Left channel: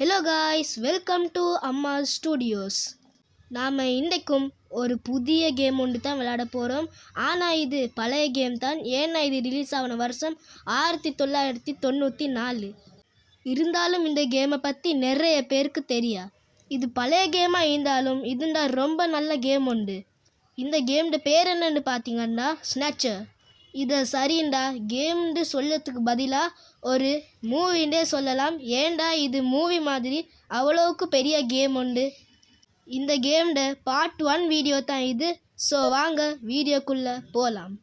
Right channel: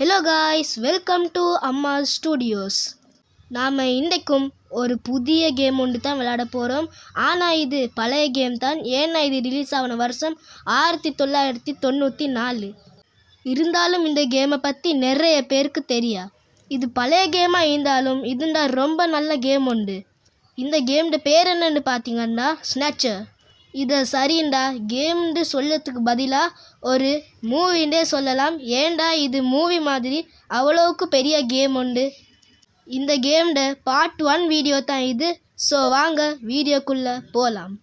Hello guys, welcome to அம்மா studios. நாம் இன்றைக்கும் ஒரு புதிய கேம் ஒன்று தான் விளையாட போகிறோம். ஆனால் இது பழைய கேம் தான். ஏன்னா இது ரிலீஸ் ஆன வருஷம் 1994. இருந்தாலும் இந்த கேமை பற்றி நிறைய பேருக்கு தெரியா. இது பழைய கேமாக இருந்தாலும் இதுண்டா ரொம்ப நல்ல கேம் உண்டு. இந்த கேமோட பேர் என்னன்னு பார்த்தீங்கன்னா ஸ்னாச்சர். இதை சரிண்டா கேம்னு சொல்லத்துக்கு பதிலாக ஒரு மூவின்றே சொல்லலாம். ஏண்டா இது மூவி மாதிரி அவ்வளோவுக்கு பெரிய கேம் உண்டு. இந்த கேமோட பார்ட் 1 வீடியோ தான் இது. ஸோ வாங்க வீடியோக்குள்ளே போகலாம்.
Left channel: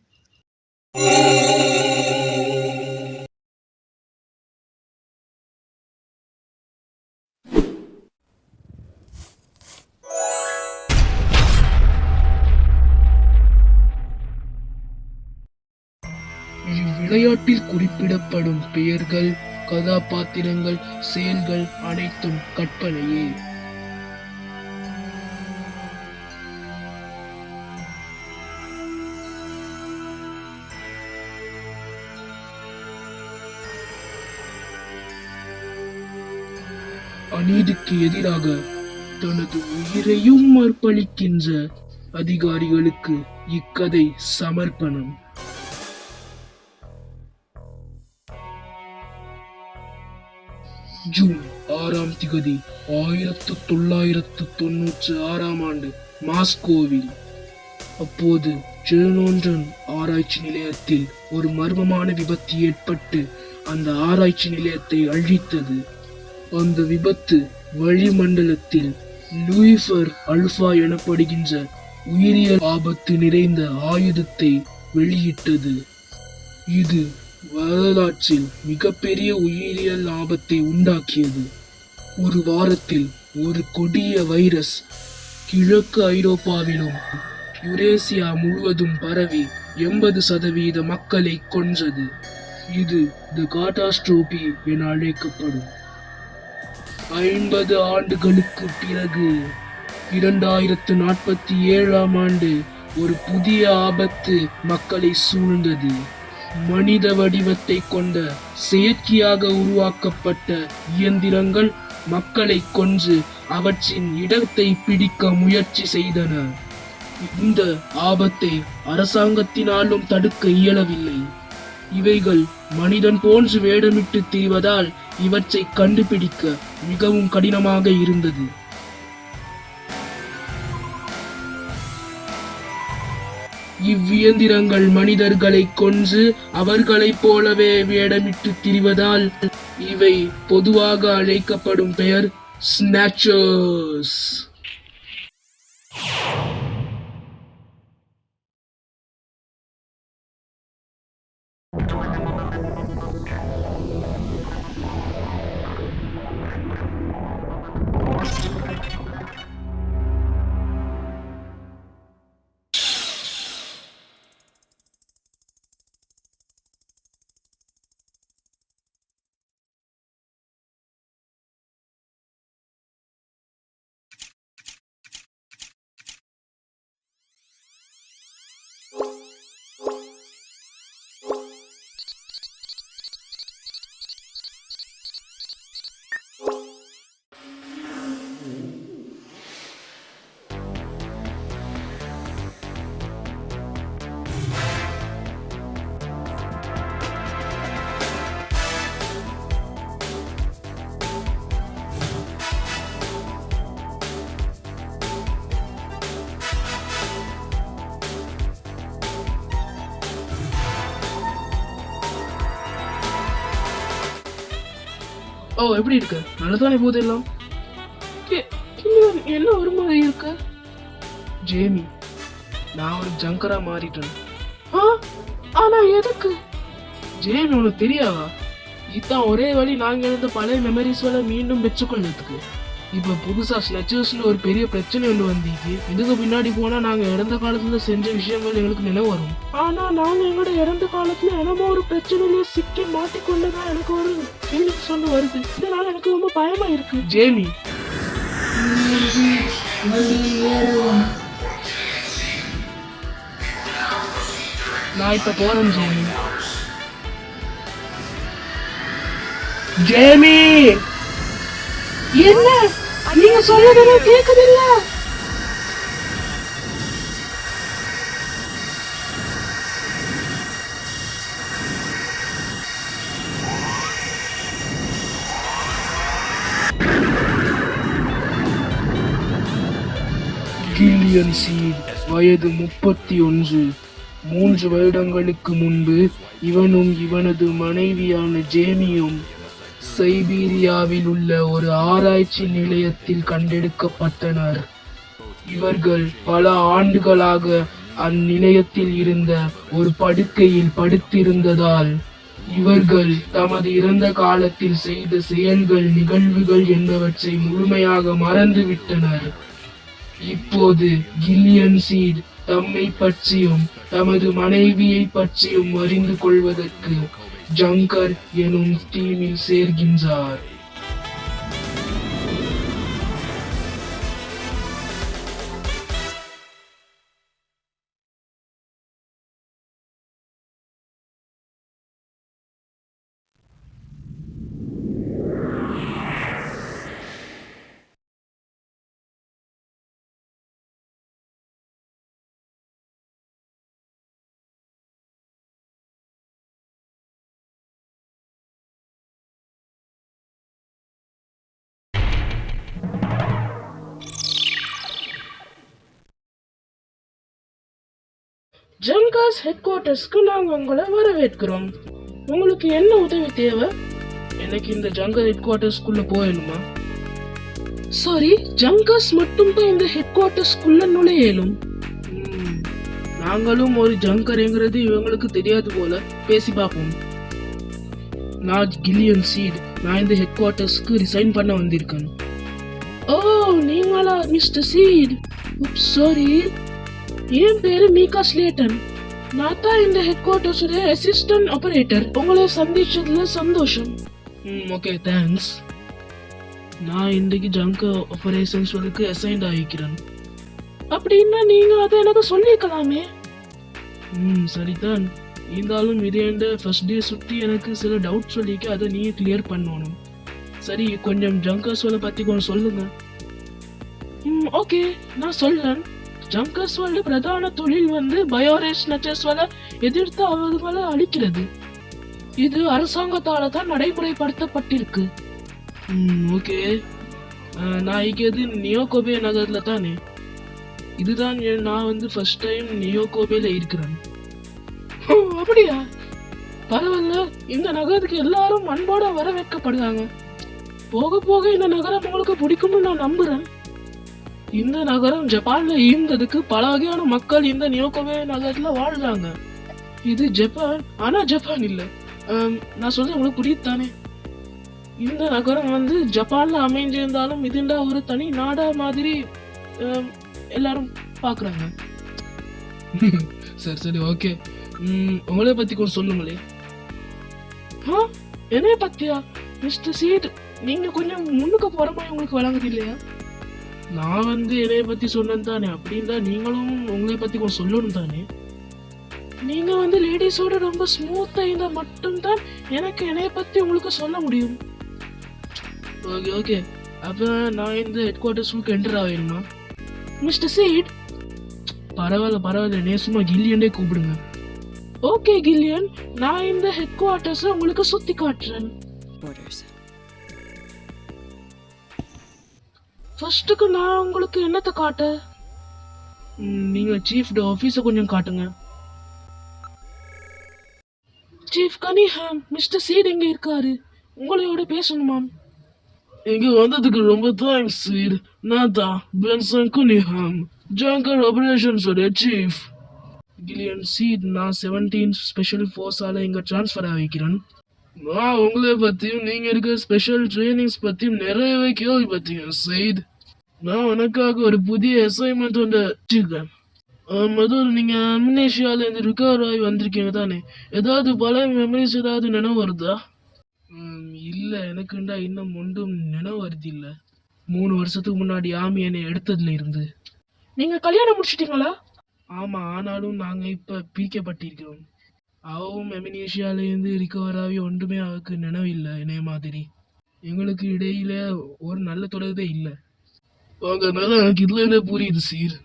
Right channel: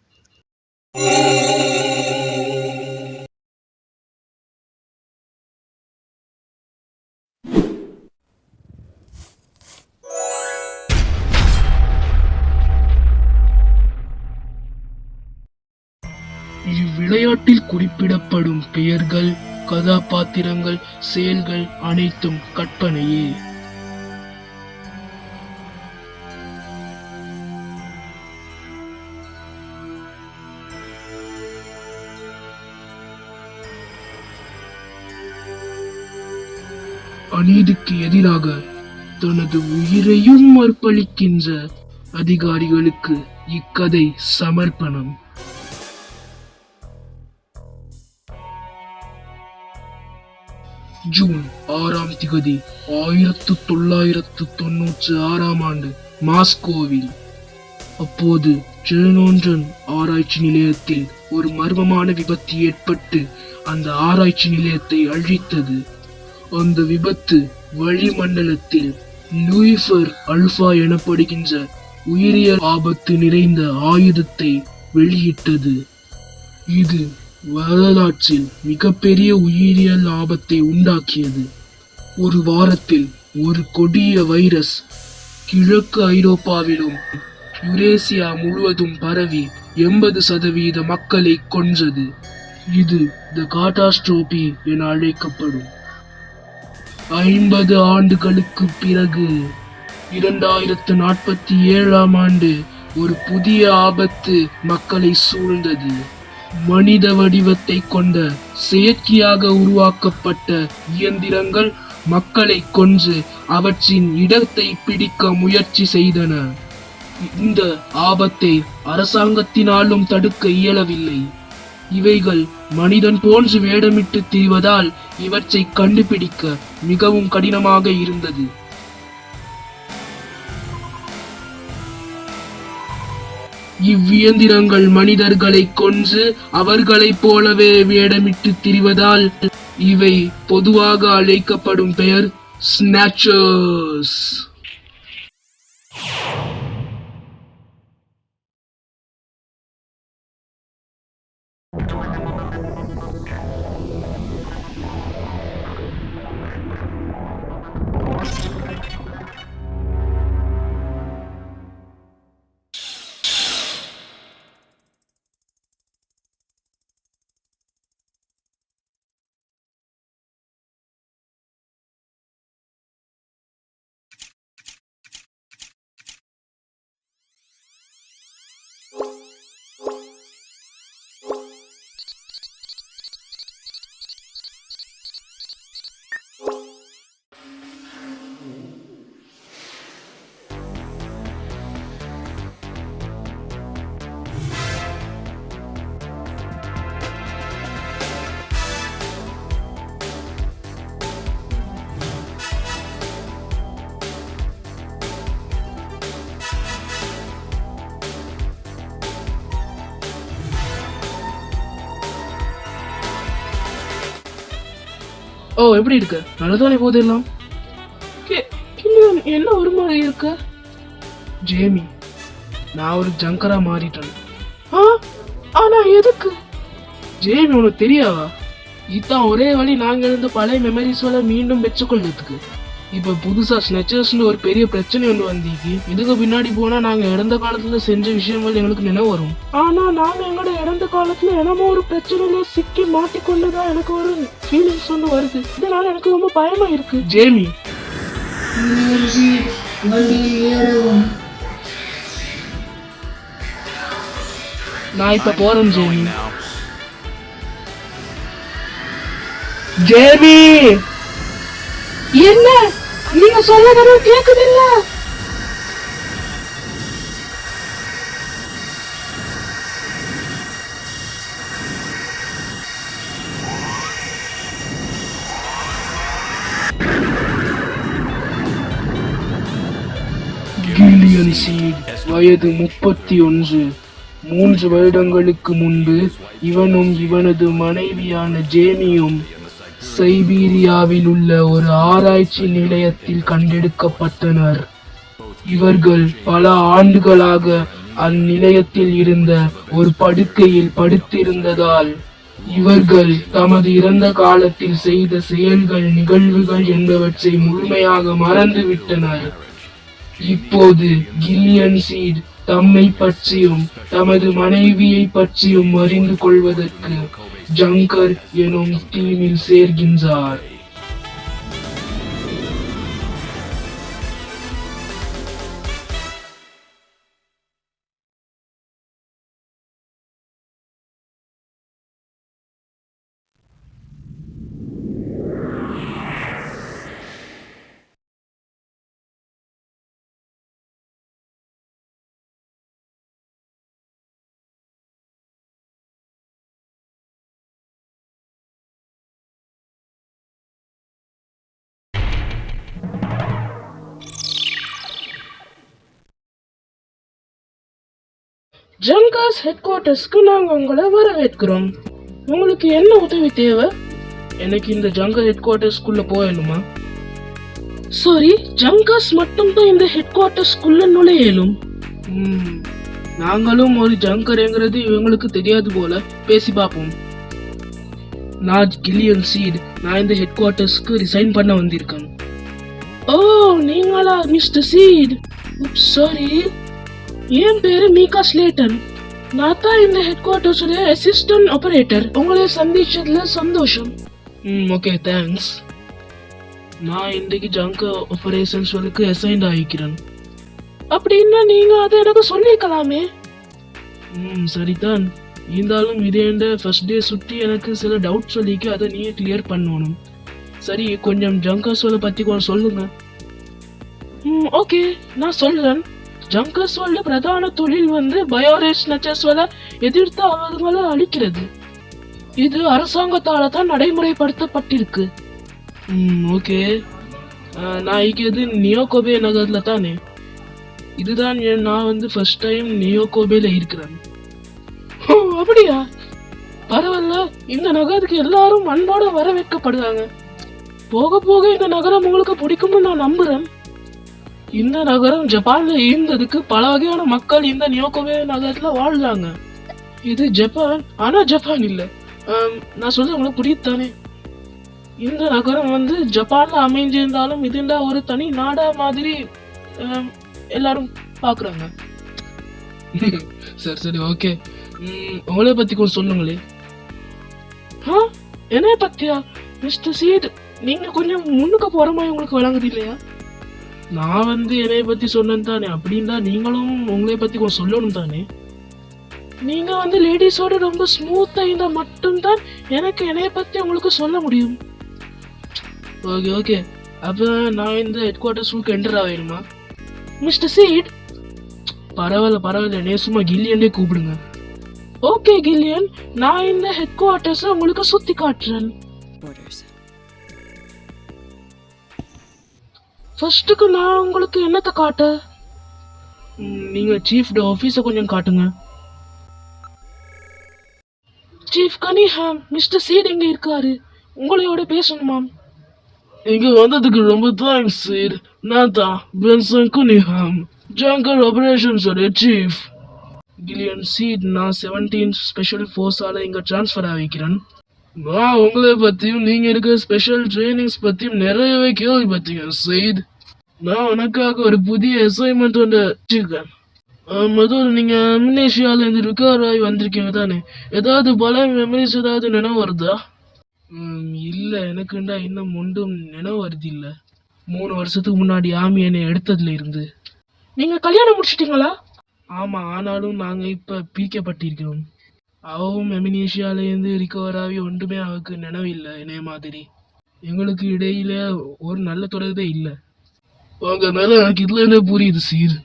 இவ்விளையாட்டில் குறிப்பிடப்படும் பெயர்கள், கதாபாத்திரங்கள், செயல்கள் அனைத்தும் கற்பனையே. அநீதிக்கு எதிராக தனது உயிரையும் அர்ப்பணிக்கின்ற அதிகாரிகளுக்கு இக்கதை சமர்ப்பணம். ஜூன் 6 1996 மாஸ்கோவில். அப்போது செர்னோபில் ஆராய்ச்சி நிலையத்தில் ஒரு மர்மமான விபத்து ஏற்பட்டு அந்த ஆராய்ச்சி நிலையத்தை அழித்தது. அந்த விபத்து வளிமண்டலத்தில் லூசிஃபர் ஆல்பா எனப்படுகின்ற உயிரியல் ஆபத்து நிறைந்த ஆயுதத்தை வெளியிட்டது. இது வரலாற்றில் மிகப்பெரிய உயிரியல் ஆபத்தை உண்டாக்கியது. ஒரு வாரத்தில் ஒரு கொடிய வைரஸ் கிழக்கு ஐரோப்பாவிலும் யுரேசியா முழுவதும் பரவி 80% மக்களை கொன்றது. இது தி காட்டாஸ்ட்ரோபி என அழைக்கப்படும். 50 ஆண்டுகளுக்கு பிறகு 2047 ஒரு புதிய ஆபத்து மக்களை சூழ்ந்தது. மனித வடிவத்தை கொண்ட செயற்கையாக உருவாக்கப்பட்ட இயந்திரங்கள் மக்களை கொன்று அவற்றின் இடத்தை பிடிக்க முயற்சி செய்தன. இந்த ஆபத்தை அரசாங்கத்தினாலும் தடுக்க இயலவில்லை. இவைகள் மனிதன் போன்று வேடமிட்டு திரிவதால் இவற்றை கண்டுபிடிக்க மிகவும் கடினமாக இருந்தது. இவ்வியந்திரங்கள் மனிதர்களை கொன்று அவர்களைப் போலவே வேடமிட்டு திரிவதால் இவை பொதுவாக அழைக்கப்படும் பெயர் ஸ்னாச்சர்ஸ். ஓ, எப்படி இருக்க? நல்லதானே போது எல்லாம். என்ன ஒரு மாதிரி இருக்க ஜேமி? நான் ஒரு ஜங்கரா மாறிட்டேன். ஆனா எதுக்கு ஜேமி? உனக்கு தெரியாவா? இதுதான் ஒரே வழி நாங்க இருந்து பழைய மெமரிஸ்களை மீண்டும் பெற்றுக்கொள்றதுக்கு. இப்ப புதுசா ஸ்னெச்சர்ஸ்ல ஒரு பெரிய பிரச்சனை ஒன்று வந்தீங்க. இதுக்கு பின்னாடி போனா நாங்க இறந்த காலத்துல செஞ்ச விஷயங்கள் எங்களுக்கு நினைவு வரும். ஆனா நாங்க எங்களோட இறந்த காலத்துல என்னமோ ஒரு பிரச்சனையில சிக்கி மாட்டிக்கொண்டுதான் எனக்கு ஒரு ஃபீலிங்ஸ் ஒன்று வருது. இதனால எனக்கு ரொம்ப பயமா இருக்கு ஜேமி. நான் இப்ப போறேன் ஜேமி. ஜேமி என்ன நீங்க சொல்றதெல்லாம் கேக்குது இல்ல? கில்லியன் சீட் வயது 31. 3 வருடங்களுக்கு முன்பு இவனும் இவனது மனைவியான ஜேமியும் சைபீரியாவில் உள்ள ஒரு ஆராய்ச்சி நிலையத்தில் கண்டெடுக்கப்பட்டனர். இவர்கள் பல ஆண்டுகளாக அந்நிலையத்தில் இருந்த ஒரு படுக்கையில் படுத்திருந்ததால் இவர்கள் தமது இறந்த காலத்தில் செய்த செயல்கள், நிகழ்வுகள் என்பவற்றை முழுமையாக மறந்துவிட்டனர். இப்போது கில்லியன் சீட் தம்மை பற்றியும் தமது மனைவியை பற்றியும் அறிந்து கொள்வதற்கு ஜங்கர் எனும் டீமில் சேர்கின்றார். ஜங்கர்ஸ் ஹெட் குவார்ட்டர்ஸ்க்கு நாங்க உங்களை வரவேற்கிறோம். உங்களுக்கு என்ன உதவி தேவை? எனக்கு இந்த ஜங்கர் ஹெட் குவார்ட்டர்ஸ்குள்ள போயணுமா? சாரி, ஜங்கர்ஸ் மட்டும் தான் இந்த ஹெட் குவார்ட்டர்ஸ்குள்ள நுழையலும். நாங்களும் ஒரு ஜங்கர்ங்கிறது இவங்களுக்கு தெரியாது போல. பேசி பார்ப்போம். நான் கில்லியன் சீட். நான் இந்த ஹெட் குவார்ட்டர்ஸ்க்கு ரிசைன் பண்ண வந்திருக்கேன். ஓ, நீங்களா மிஸ்டர் சீட்? சாரி, என் பேரு மீகா ஸ்லேட்டர். நான் தான் இந்த ஹெட் குவார்ட்டர்ஸ் அசிஸ்டன்ட் ஆபரேட்டர். உங்களை சந்திச்சதுல சந்தோஷம். Okay, thanks. நான் இன்றைக்கு ஜங்கர் ஆபரேஷன்ஸ்க்கு அசைன் ஆகிக்கிறேன். அப்படின்னா நீங்க அதை எனக்கு சொல்லிக்கலாமே. சரிதான். இருந்தாலும் இது என்ற ஃபர்ஸ்ட் டே சுற்றி எனக்கு சில டவுட் சொல்லிக்கு அதை நீயே கிளியர் பண்ணணும். சரி, கொஞ்சம் ஜங்கர்ஸோட பத்தி கொஞ்சம் சொல்லுங்க. ஓகே, நான் சொல்றேன். ஜங்கர்ஸோட பிரதான தொழில் பயோரேஸ்னச்சர்ஸோட எதிர்த்து அவர்களை அழிக்கிறது. இது அரசாங்கத்தால தான் நடைமுறைப்படுத்தப்பட்டிருக்கு. ஓகே, நான் இங்கே நியோகோபே நகர்ல தானே. இதுதான் நான் ஃபர்ஸ்ட் டைம் நியோகோபேல இருக்கிறேன். அப்படியா? பரவாயில்ல. இந்த நகரத்துக்கு எல்லாரும் அன்போட வரவேற்கப்படுறாங்க. போக போக இந்த நகரம் உங்களுக்கு பிடிக்கும்னு நான் நம்புறேன். இந்த நகரம் ஜப்பான்ல இருந்ததுக்கு பல வகையான மக்கள் இந்த நியோகோபே நகரத்துல வாழ்றாங்க. இது ஜப்பான், ஆனா ஜப்பான் இல்ல. நான் சொல்ல உங்களுக்கு புரியுது தானே? இந்த நகரம் ஜப்பான்ல அமைஞ்சிருந்தாலும் இதுண்டா ஒரு தனி நாடா மாதிரி எல்லாரும் பாக்குறாங்க. சரி சரி, ஓகே. உங்களை பத்தி கொஞ்சம் சொல்லுங்களே. என்னைய பத்தியா மிஸ்டர் சீட்? நீங்க கொஞ்சம் முன்னுக்கு போற மாதிரி உங்களுக்கு வழங்குது இல்லையா? நான் என்னைய பத்தி சொன்னேன் தானே. அப்படின்னா நீங்களும் உங்களை பத்தி கொஞ்சம் சொல்லணும் தானே. நீங்க லேடிஸோட ரொம்ப ஸ்மூத்தா இருந்தா மட்டும்தான் எனக்கு என்னைய பத்தி உங்களுக்கு சொல்ல முடியும். ஓகே ஓகே, அப்ப நான் இந்த ஹெட் குவார்ட்டர்ஸ்க்கு என்டர் ஆவேணுமா? மிஸ்டர் சீட், பரவாயில்ல பரவாயில்ல, என்னைய சும்மா கில்லியனே கூப்பிடுங்க. ஓகே கில்லியன், நான் இந்த ஹெட் குவார்ட்டர்ஸ் உங்களுக்கு சுத்தி காட்டுறேன். ஃபர்ஸ்ட்டுக்கு நான் உங்களுக்கு என்னத்தை காட்ட? நீங்க சீஃப் ஆபீஸ கொஞ்சம் காட்டுங்க. சீஃப் கனிஹாம், மிஸ்டர் சீட் எங்க இருக்காரு? உங்களோட பேசணுமாம். இங்க வந்ததுக்கு ரொம்ப தேங்க்ஸ் சீட். நான் தான் பென்சன் கனிஹாம், ஜங்கர் ஆபரேஷன்ஸோட சீஃப். கில்லியன் சீட், நான் 17 ஸ்பெஷல் ஃபோர்ஸால இங்க ட்ரான்ஸ்ஃபர் ஆகிக்கிறேன். நான் உங்களை பத்தியும் நீங்க இருக்க ஸ்பெஷல் ட்ரைனிங்ஸ் பத்தியும் நிறையவே கேள்விப்பட்டீங்க சீட். நான் உனக்காக ஒரு புதிய அசைன்மெண்ட் ஒன்று வச்சிருக்கேன். மதுர், நீங்க அம்னேஷியால இருந்து ரிகவர் ஆகி வந்திருக்கீங்க தானே? ஏதாவது பல மெமரிஸ் ஏதாவது நினைவு வருதா? இல்ல, எனக்குண்டா இன்னும் ஒன்றும் நினைவு வருது இல்ல. 3 வருஷத்துக்கு முன்னாடி ஆமி என்னை எடுத்ததுல இருந்து. நீங்க கல்யாணம் முடிச்சிட்டீங்களா? ஆமா, ஆனாலும் நாங்க இப்ப பிரிக்கப்பட்டிருக்கிறோம். அவவும் அம்னேஷியால இருந்து ரிகவர் ஆகி ஒன்றுமே அவருக்கு நினைவு இல்லை என்னைய மாதிரி. எங்களுக்கு இடையில ஒரு நல்ல தொடர்பே இல்லை. அதனால எனக்கு இதுல என்ன புரியுது சீர்.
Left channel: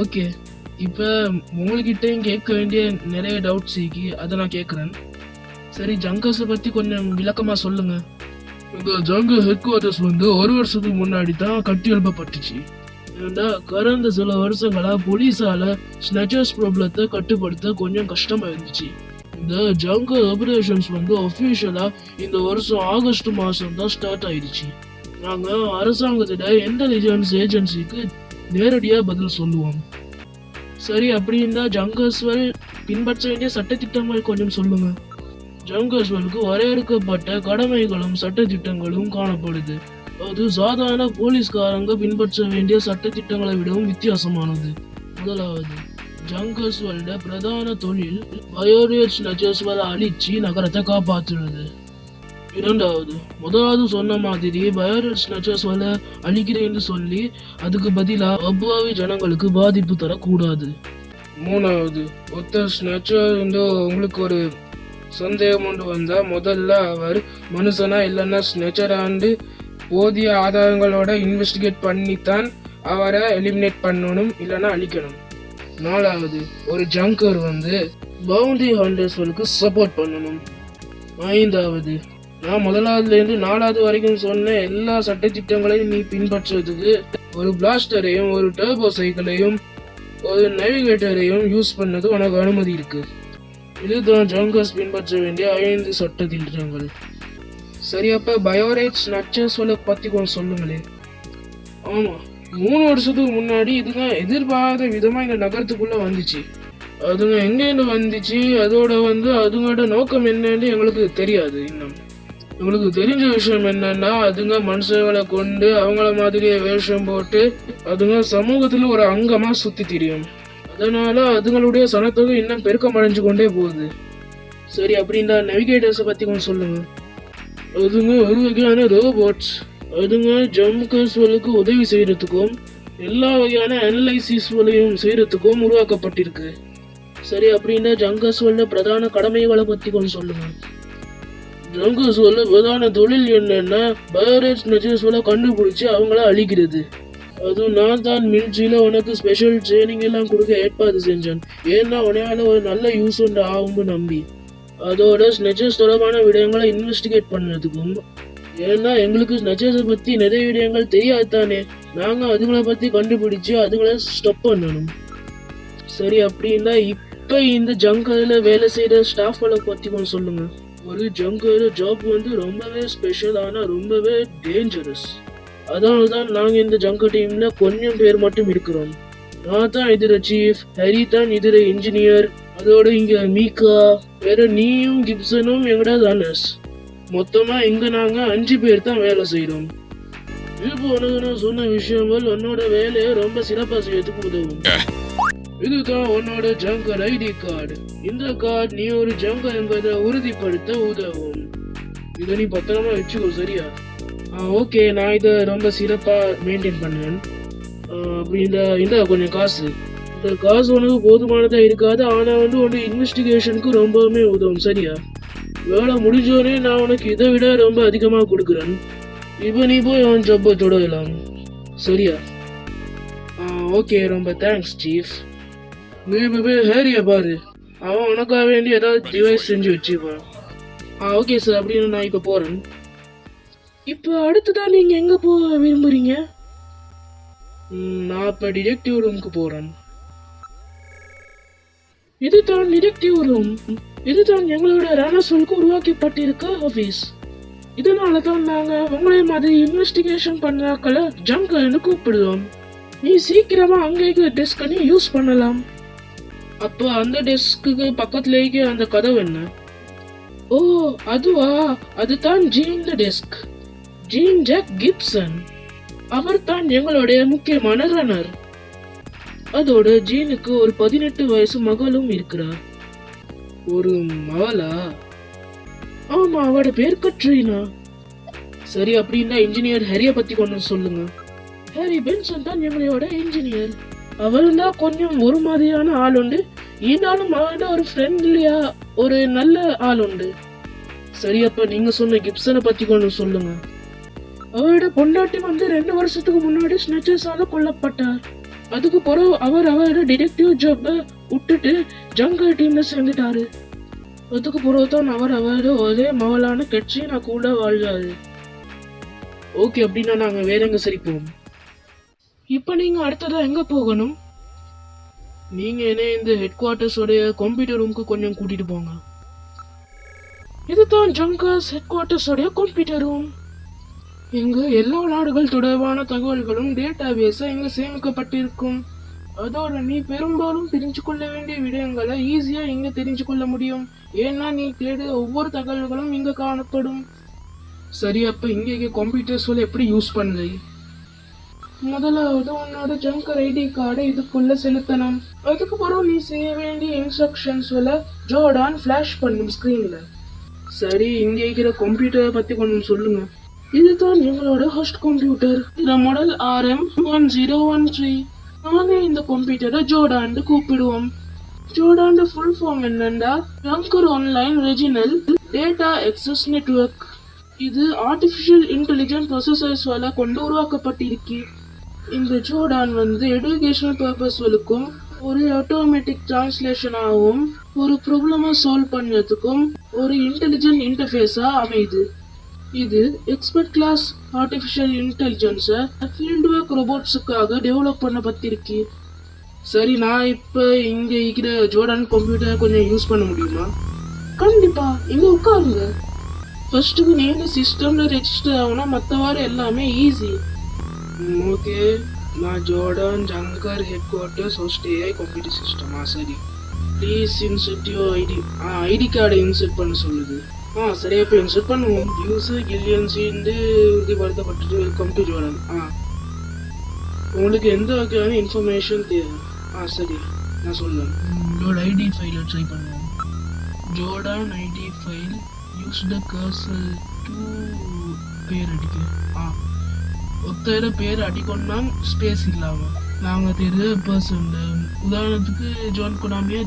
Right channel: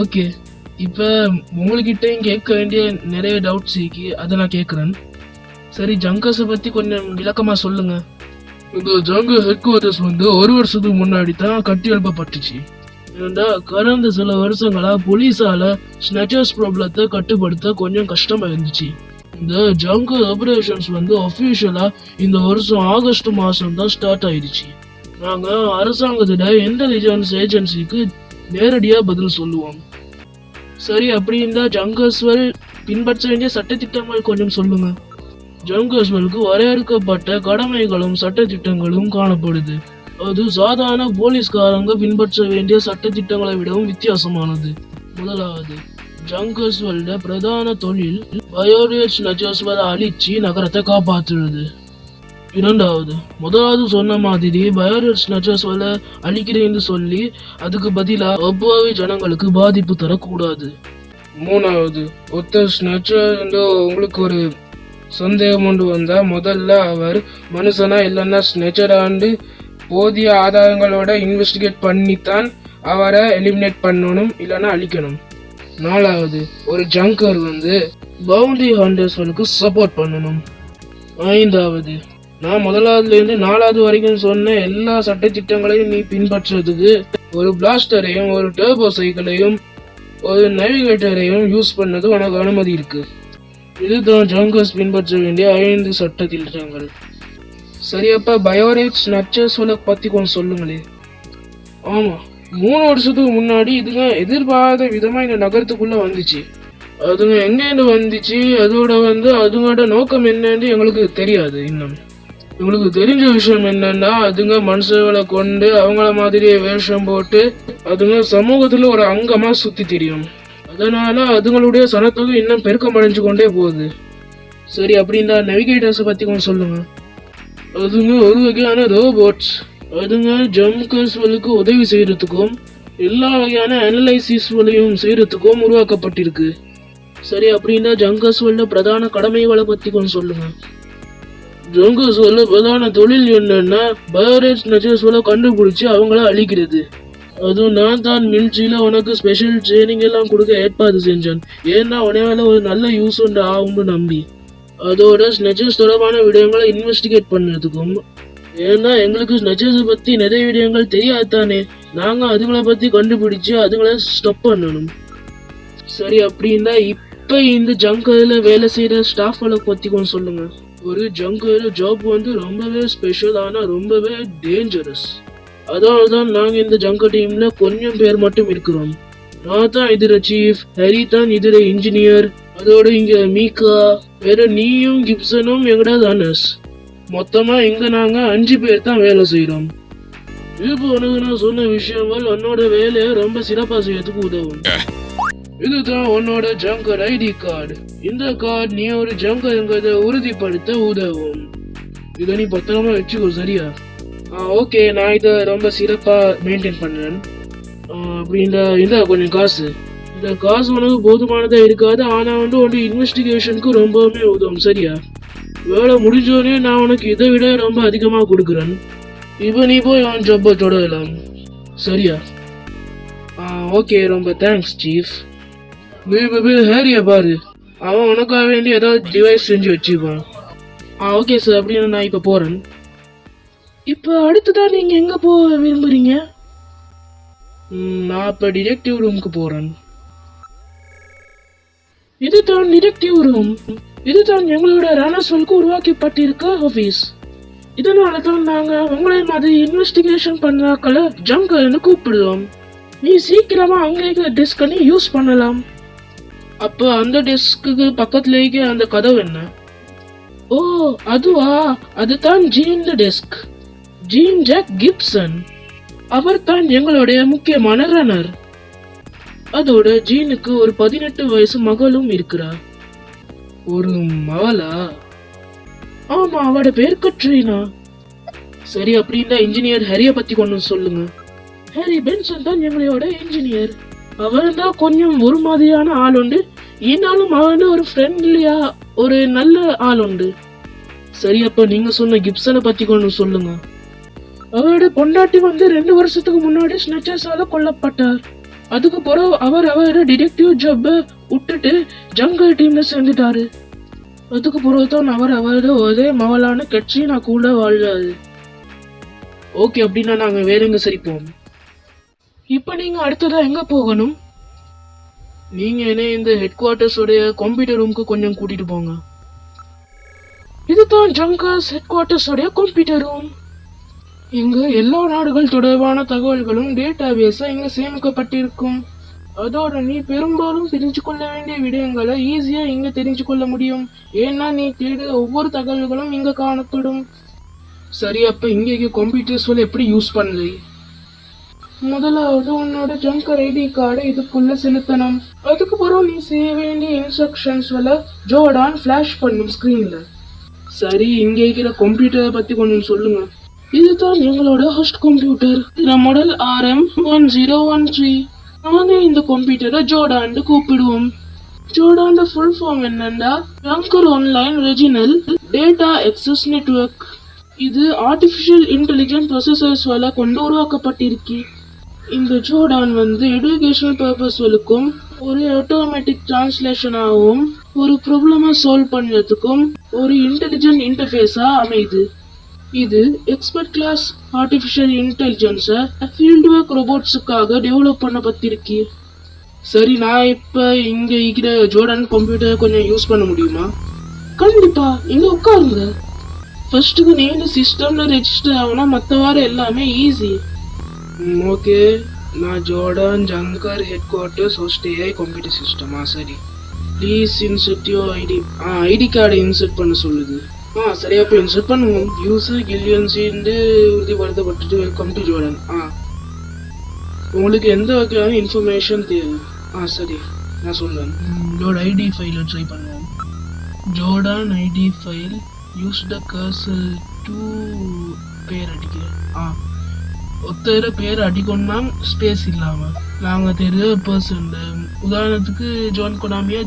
ஓகே, இப்போ உங்ககிட்டயும் கேட்க வேண்டிய நிறைய டவுட்ஸ் இருக்கு, அதை நான் கேட்குறேன். சரி, ஜங்கர்ஸை பற்றி கொஞ்சம் விளக்கமாக சொல்லுங்க. இந்த ஜங்கர் ஹெட் குவார்டர்ஸ் வந்து ஒரு வருஷத்துக்கு முன்னாடி தான் கட்டி எழுப்பப்பட்டுச்சு. ஏன்னா கடந்த சில வருஷங்களா போலீஸால ஸ்னச்சர்ஸ் ப்ராப்ளத்தை கட்டுப்படுத்த கொஞ்சம் கஷ்டமா இருந்துச்சு. இந்த ஜங்கர் ஆபரேஷன்ஸ் வந்து அஃபிஷியலா இந்த வருஷம் ஆகஸ்ட் மாசம் தான் ஸ்டார்ட் ஆயிடுச்சு. நாங்க அரசாங்கத்திட இன்டெலிஜென்ஸ் ஏஜென்சிக்கு நேரடியா பதில் சொல்லுவோம். சரி, அப்படி இந்த ஜங்கர்ஸ்வெல் பின்பற்ற வேண்டிய சட்டத்திட்டங்கள் கொஞ்சம் சொல்லுங்க. ஜங்கர்ஸ்வெலுக்கு வரையறுக்கப்பட்ட கடமைகளும் சட்டத்திட்டங்களும் காணப்படுது. அது சாதாரண போலீஸ்காரங்க பின்பற்ற வேண்டிய சட்டத்திட்டங்களை விடவும் வித்தியாசமானது. முதலாவது, ஜங்கர்ஸ்வெல்ட பிரதான தொழில் பயோடேட் ஸ்னச்சர்ஸ்வெலை அழிச்சு நகரத்தை காப்பாற்றுறது. இரண்டாவது, முதலாவது சொன்ன மாதிரி பயோடேட் ஸ்னச்சர்ஸ்வெலை அழிக்கிறேன்னு சொல்லி அதுக்கு பதிலாக அப்பாவி ஜனங்களுக்கு பாதிப்பு தரக்கூடாது. மூணாவது, ஒருத்தர் ஸ்னச்சர் உங்களுக்கு ஒரு சந்தேகம் கொண்டு வந்தா முதல்ல அவர் மனுஷனா இல்லைன்னா ஸ்னச்சராண்டு போதிய ஆதாரங்களோட இன்வெஸ்டிகேட் பண்ணித்தான் அவரை எலிமினேட் பண்ணணும், இல்லைன்னா அழிக்கணும். நாலாவது, ஒரு ஜங்கர் வந்து பவுண்டரி ஹண்டர்ஸ்களுக்கு சப்போர்ட் பண்ணணும். ஐந்தாவது, நான் முதலாவதுலேருந்து நாலாவது வரைக்கும் சொன்ன எல்லா சட்டத்திட்டங்களையும் நீ பின்பற்றுறதுக்கு ஒரு பிளாஸ்டரையும் ஒரு டர்போ சைக்கிளையும் ஒரு நேவிகேட்டரையும் யூஸ் பண்ணது உனக்கு அனுமதி இருக்கு. இதுதான் ஜங்கர்ஸ் பின்பற்ற வேண்டிய 5 சட்டத்திட்டங்கள். சரியப்பா, பயோடேட் ஸ்னச்சர்ஸ்களை பத்தி கொஞ்சம் சொல்லுங்களே. ஆமா, 3 வருஷத்துக்கு முன்னாடி இதுங்க எதிர்பாராத விதமா இந்த நகரத்துக்குள்ள வந்துச்சு. அதுங்க எங்கேருந்து வந்துச்சு, அதோட அதுங்களோட நோக்கம் என்னன்னு எங்களுக்கு தெரியாது. இன்னும் எங்களுக்கு தெரிஞ்ச விஷயம் என்னன்னா, அதுங்க மனுஷர்களை கொண்டு அவங்கள மாதிரியே வேஷம் போட்டு அதுங்க சமூகத்துல ஒரு அங்கமா சுத்தி தெரியும். அதனால அதுங்களுடைய சனத்தொகை இன்னும் பெருக்கம் அடைஞ்சு கொண்டே போகுது. சரி, அப்படின்னா நேவிகேட்டர்ஸை பத்தி கொஞ்சம் சொல்லுங்க. அதுங்க ஒரு வகையான ரோபோட்ஸ். அதுங்க ஜங்கர்ஸ்வெலுக்கு உதவி செய்யறதுக்கும் எல்லா வகையான அனலைசிஸ்களையும் செய்யறதுக்கும் உருவாக்கப்பட்டிருக்கு. சரி, அப்படின்னா ஜங்கர்ஸ்வெல்ல பிரதான கடமைகளை பத்தி கொஞ்சம் சொல்லுங்க. ஜங்கர்ஸ்வெல்ல பிரதான தொழில் என்னன்னா பயோடேட் ஸ்னச்சர்ஸ்வெலை கண்டுபிடிச்சு அவங்கள அழிக்கிறது. அதுவும் நான் தான் மில்ட்ரியில உனக்கு ஸ்பெஷல் ட்ரைனிங் எல்லாம் கொடுக்க ஏற்பாடு செஞ்சேன். ஏன்னா உடனே ஒரு நல்ல யூஸ் ஒன்று ஆகும்னு நம்பி. அதோட ஸ்னச்சர்ஸ் தொடர்பான விடயங்களை இன்வெஸ்டிகேட் பண்ணதுக்கும், ஏன்னா எங்களுக்கு ஸ்னச்சர்ஸை பத்தி நிறைய விடயங்கள் தெரியாதானே, நாங்க அதுங்களை பத்தி கண்டுபிடிச்சு அதுங்களை ஸ்டாப் பண்ணணும். சரி, அப்படின்னா இப்ப இந்த ஜங்கர்ல வேலை செய்யற ஸ்டாஃப்களை பத்தி கொஞ்சம் சொல்லுங்க. ஒரு ஜங்கர் ஜாப் ரொம்பவே ஸ்பெஷல், ஆனா ரொம்பவே டேஞ்சரஸ். அதனால்தான் நாங்க இந்த ஜங்கர் டீம்ல கொஞ்சம் பேர் மட்டும் இருக்கிறோம். நான் தான் இதுல சீஃப், ஹரி தான் இதுல இன்ஜினியர், அதோட இங்க மீகா, வேற நீயும் கிப்சனும் எங்கட தானஸ். மொத்தமா இங்க நாங்க 5 பேர் தான் வேலை செய்யறோம். இப்போ உனக்கு நான் சொன்ன விஷயங்கள் உன்னோட வேலையை ரொம்ப சிறப்பா செய்யறதுக்கு உதவும். இதுதான் உன்னோட ஜங்கர் ஐடி கார்டு. இந்த கார்டு நீ ஒரு ஜங்கர் என்பதை உறுதிப்படுத்த உதவும். இதை நீ பத்திரமா வச்சுக்கோ, சரியா? ஓகே, நான் இதை ரொம்ப சிறப்பா மெயின்டைன் பண்ணுறேன். அப்படின்னா இந்த கொஞ்சம் காசு, இந்த காசு உனக்கு போதுமானதா இருக்காது, ஆனா உன்னோட இன்வெஸ்டிகேஷனுக்கு ரொம்பவுமே உதவும், சரியா? வேலை முடிஞ்சோடனே நான் உனக்கு இதை விட ரொம்ப அதிகமா கொடுக்குறேன். இப்போ நீ போய் அவன் ஜப்பா தொடரலாம், சரியா? ஓகே, ரொம்ப தேங்க்ஸ் சீஃப். ஹேரிய பாரு, அவன் உனக்காக வேண்டி ஏதாவது டிவைஸ் செஞ்சு வச்சுப்பான். ஓகே சார், அப்படின்னு நான் இப்போ போறேன். இப்போ அடுத்ததான் நீங்க எங்க போக விரும்புறீங்க? நான் இப்ப டிடெக்டிவ் ரூமுக்கு போறேன். இதுதான் டிடெக்டிவ் ரூம். இதுதான் எங்களோட ரானஸ்வெலுக்கு உருவாக்கப்பட்டிருக்க ஆபீஸ். இதனாலதான் நாங்க உங்களை மாதிரி இன்வெஸ்டிகேஷன் பண்ணாக்களை ஜங்கர்னு கூப்பிடுவோம். நீ சீக்கிரமா அங்கே டெஸ்க் பண்ணி யூஸ் பண்ணலாம். அப்ப அந்த டெஸ்க்கு பக்கத்துலேயே அந்த கதவு என்ன? ஓ, அதுவா? அதுதான் Jean desk. Jean Jack Gibson. அவர் தான் எங்களுடைய முக்கியமான ரன்னர். அதோட ஜீனுக்கு ஒரு 18 வயசு மகளும் இருக்கிறார். ஒரு மகளா? ஆமா, அவட பேர் கட்ரீனா. சரி, அப்படின்னா இன்ஜினியர் ஹரிய பத்தி கொஞ்சம் சொல்லுங்க. ஹரி பென்சன் தான் எங்களோட இன்ஜினியர். அவர் தான் கொஞ்சம் ஒரு மாதிரியான ஆள் உண்டு, இருந்தாலும் அவன் ஒரு ஃப்ரெண்ட்லியா ஒரு நல்ல ஆள் உண்டு. சரி, அப்ப நீங்க சொன்ன கிப்சனை பத்தி கொஞ்சம் சொல்லுங்க. அவரோட பொண்டாட்டி வந்து 2 வருஷத்துக்கு முன்னாடி ஸ்னெச்சர்ஸால கொல்லப்பட்டார். அதுக்கு பிறகு அவரோட டிடெக்டிவ் ஜாப் விட்டுட்டு ஜங்கல் டீம்ல சேர்ந்துட்டாரு. அதுக்கு பிறகுதான் அவரோட ஒரே மவளான கட்சினா கூட வாழ்றாரு. ஓகே, அப்படின்னா நாங்க வேற எங்க சரி போகணும்? இப்ப நீங்க அடுத்ததா எங்க போகணும்? நீங்க என்ன இந்த ஹெட் குவார்டர்ஸோடைய கம்ப்யூட்டர் ரூமுக்கு கொஞ்சம் கூட்டிட்டு போங்க. இதுதான் ஜங்கர்ஸ் ஹெட் குவார்டர்ஸோடைய கம்ப்யூட்டர் ரூம். இங்க எல்லா நாடுகள் தொடர்பான தகவல்களும் டேட்டாபேஸா இங்க சேமிக்கப்பட்டிருக்கும். அதோட நீ பெரும்பாலும் தெரிஞ்சு கொள்ள வேண்டிய விடயங்களை ஈஸியா இங்க தெரிஞ்சு கொள்ள முடியும். ஏன்னா நீ தேடுற ஒவ்வொரு தகவல்களும் இங்க காணப்படும். சரி, அப்ப இங்க கம்ப்யூட்டர்ஸ் எப்படி யூஸ் பண்ணுது? முதலாவது உன்னோட ஜங்கர் ஐடி கார்டை இதுக்குள்ள செலுத்தணும். அதுக்கு பிறகு நீ செய்ய வேண்டிய இன்ஸ்ட்ரக்ஷன்ஸ் ஜோர்டான் ஃபிளாஷ் பண்ணும் ஸ்கிரீன்ல. சரி, இங்க இருக்கிற கம்ப்யூட்டரை பத்தி கொஞ்சம் சொல்லுங்க. இதுதான் எங்களோட ஹோஸ்ட் கம்ப்யூட்டர். இந்த மாடல் RM1013. நாங்க இந்த கம்ப்யூட்டரை ஜோர்டான் கூப்பிடுவோம். ஜோர்டான் ஃபுல் ஃபார்ம் என்னன்னா Junker online regional data access network. இது ஆர்டிஃபிஷியல் இன்டெலிஜென்ஸ் ப்ரொசஸர்ஸ்வால கொண்டு உருவாக்கப்பட்டிருக்கு. இந்த ஜோர்டான் எஜுகேஷனல் பர்பஸ்களுக்கும் ஒரு ஆட்டோமேட்டிக் டிரான்ஸ்லேஷனாகவும் ஒரு ப்ராப்ளமை சால்வ் பண்ணுறதுக்கும் ஒரு இன்டெலிஜென்ட் இன்டர்ஃபேஸா அமையுது. இது எக்ஸ்பர்ட் கிளாஸ் ஆர்டிஃபிஷியல் இன்டெலிஜென்ஸை ஃபீல்ட் ஒர்க் ரோபோட்ஸுக்காக டெவலப் பண்ணப்பட்டிருக்கு. சரி, நான் இப்போ இங்கே இருக்கிற ஜோர்டான் கம்ப்யூட்டர் கொஞ்சம் யூஸ் பண்ண முடியுமா? கண்டிப்பா, இங்கே உட்காருங்க. ஃபர்ஸ்ட்டுக்கு நீங்கள் சிஸ்டமில் ரெஜிஸ்டர் ஆகுனா மற்ற வாரம் எல்லாமே ஈஸி. ஓகே, நான் ஜோர்டான் ஜங்கர் headquarters host AI computer சிஸ்டமா? சரி, please insert you ID. ID கார்டை இன்சர்ட் பண்ண சொல்லுது. சரியா, இப்போ இன்சர்ட் பண்ணுவோம். யூசர் கில்லியன்ஸின்னு உறுதிப்படுத்தப்பட்டுட்டு வெல்கம் டு ஜோர்டான். உங்களுக்கு எந்த வகையான இன்ஃபர்மேஷன் தேவை? சரி, நான் சொல்லுவேன். உங்களோட ஐடி ஃபைலை ட்ரை பண்ணுவோம். Jordan IT file use the cursor to பேர் அடிக்க. ஒருத்தர் பேர் அடிக்கணும்னா ஸ்பேஸ் இல்லாமல் நாங்கள் தெரிய பர்சன். உதாரணத்துக்கு ஜோன் கொடாமியா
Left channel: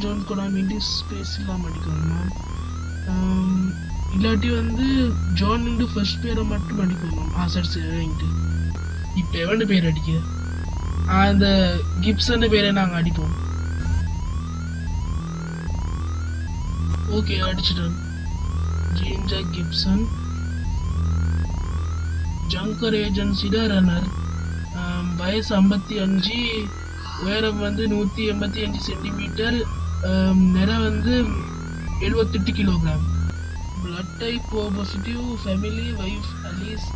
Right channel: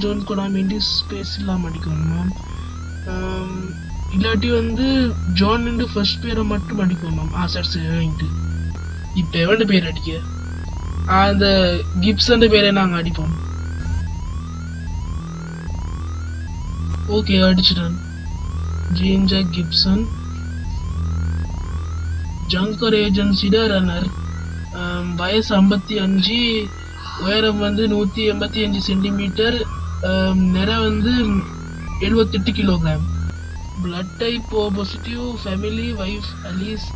ஸ்பேஸ் இல்லாமல் அடிக்கணுமா? இல்லாட்டி ஜோன் ஃபர்ஸ்ட் பேரை மட்டும் அடிக்கணுமா? சரி, இப்போ எவன் பேர் அடிக்க? இந்த கிப்சன் பேரை நாங்கள் அடிப்போம். ஓகே, அடிச்சிட்டேன். ஜேஞ்சா கிப்சன் ஜங்கர் ஏஜென்சியோட ரன்னர். வயசு 55, உயரம் 185 சென்டிமீட்டர், நிறம் 78 kilogram. Blood type O positive, family, wife Alice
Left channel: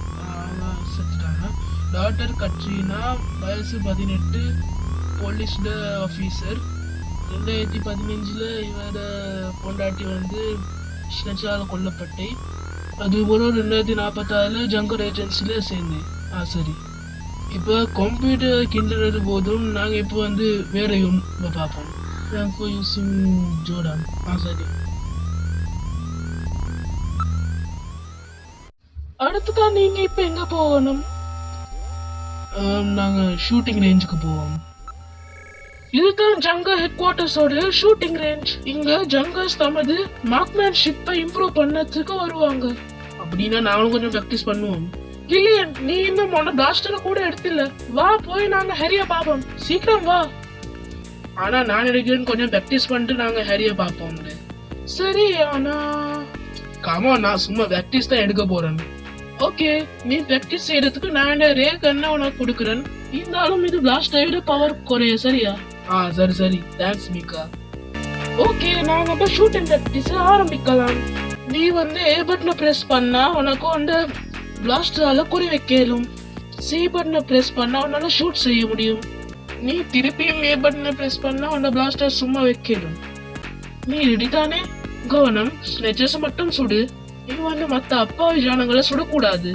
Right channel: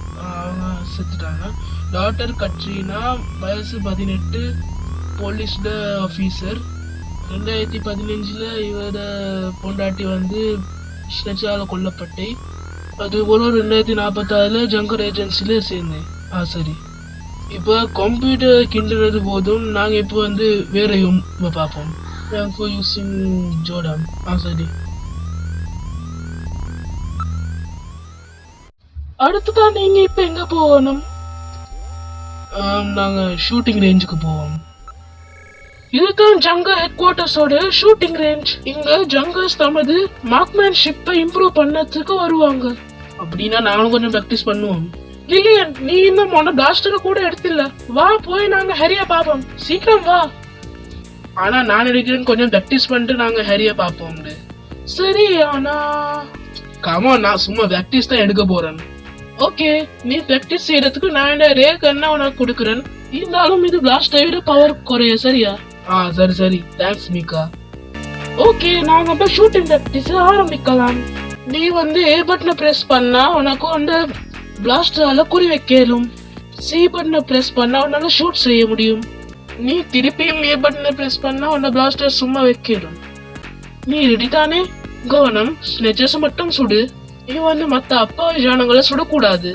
செத்துட்டாங்க. டாட்டர் கட்ரீனா, வயசு 18, போலீஸ் ஆஃபீஸர். 2015 இவரோட பொண்டாட்டி ஸ்னெச்சால கொல்லப்பட்டை. அதுபோல 2046 ஜங்கர் ஏஜென்சில சேர்ந்து. சரி, இப்போ கம்ப்யூட்டர் கிண்டுறது போதும். நாங்கள் இப்போ வேற பார்ப்போம். Thank you using Jordan. சரி, அடுத்துதான் நீங்க இப்போ எங்க போகணும்? நாங்கள் ஷூட்டிங் ரேஞ்சுக்கு போவோம். இதுதான் ஜங்கர் ஹெட் குவார்ட்டர்ஸோட ஷூட்டிங் ரேஞ்ச். இங்க ஜங்கர்ஸ் தமது மார்க்மேன்ஷிப்பை இம்ப்ரூவ் பண்ணதுக்கு வருவாங்க. அப்படின்னா நாங்களும் கொஞ்சம் ப்ராக்டிஸ் பண்ணுவோம். கில்லியன், நீ இன்னும் பிளாஸ்டரை கூட எடுத்தில்ல. வா, போய் நாங்க ஹரியா பாப்போம். சீக்கிரம் வா. ஆனா நான் எடுக்கிறேன், கொஞ்சம் ப்ராக்டிஸ் பண்ணிட்டு நாங்க ஹரியா பாப்போம். சரி, ஆனா கமான், நான் சும்மா ப்ராக்டிஸ் தான் எடுக்க போறேன். ஓகே, நீ ப்ராக்டிஸ் செய்யறதுக்கு நான் ரே கண்ணா உனக்கு கொடுக்குறேன். இருந்தாலும் இது பிளாஸ்ட் ஆகிடு பவர் குறைய. சரியா? சரி, தேங்க்ஸ் மீகா. ஓகே, நான் நம்ம ஷூட்டிங் ப்ராக்டிஸ் ஆரம்பிக்கலாம். நீ ஏ பட்டனை பிரஸ் பண்ணா உனக்கு பிளாஸ்டரால குறி வைக்கலும். சி பட்டனை பிரஸ் பண்ணா உன்னால ஷூட் செய்ய முடியும். நீ திருப்பியும் ஏ பட்டனை பிரஸ் பண்ணா உன்ன பிளாஸ்டர் சும்மா வைக்கலும். நீ ரெடி தானே? கவனம், ஸ்னெச்சர்ஸ் மட்டும் சுடு. நீ மத்த அப்பாவி ஜானங்களை சுடக்கூடாது.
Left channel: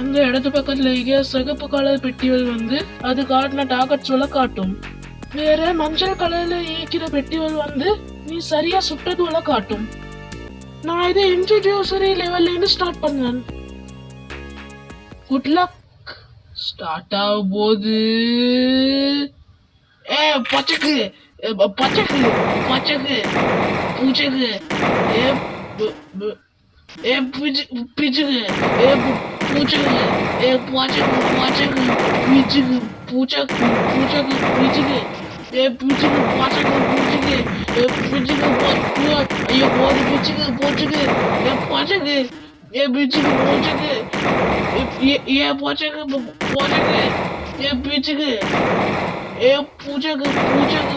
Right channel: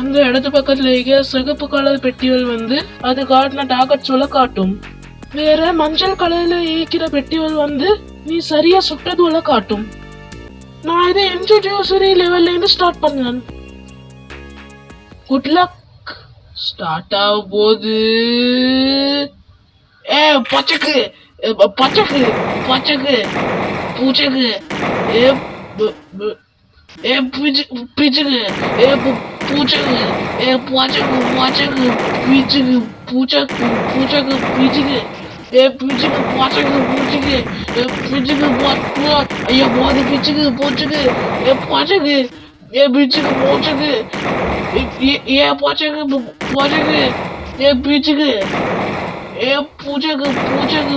அந்த இடத்து பக்கத்துல இருக்க சிகப்பு கலர் பெட்டிகள் அது காட்டின டார்கெட் சொல்ல காட்டும். வேற மஞ்சள் கலர்ல ஈக்கிற பெட்டிகள் நீ சரியா சுட்டது காட்டும். நான் இதை இன்ட்ரோடியூசரி லெவல்ல இருந்து ஸ்டார்ட் பண்ணேன். Good luck. ஸ்டார்ட் ஆக போது. பச்சக்கு பச்சக்கு பச்சக்கு பூச்சக்கு. பிச்சுக்கு பூச்சக்கு பூச்சக்கு பூச்சக்கு பிச்சுக்கு பூச்சக்கு பூச்சக்கு பிச்சுக்கு பிச்சுக்கு பூச்சக்கு பூச்சுக்கு பிச்சுக்கு ஐயோ போது பிச்சுக்கு போச்சுக்கு பூச்சக்கு பிச்சுக்கு பூச்சக்கு பூச்சக்கு பூச்சக்கு பிச்சுக்கு பூச்சக்கு பூச்சக்கு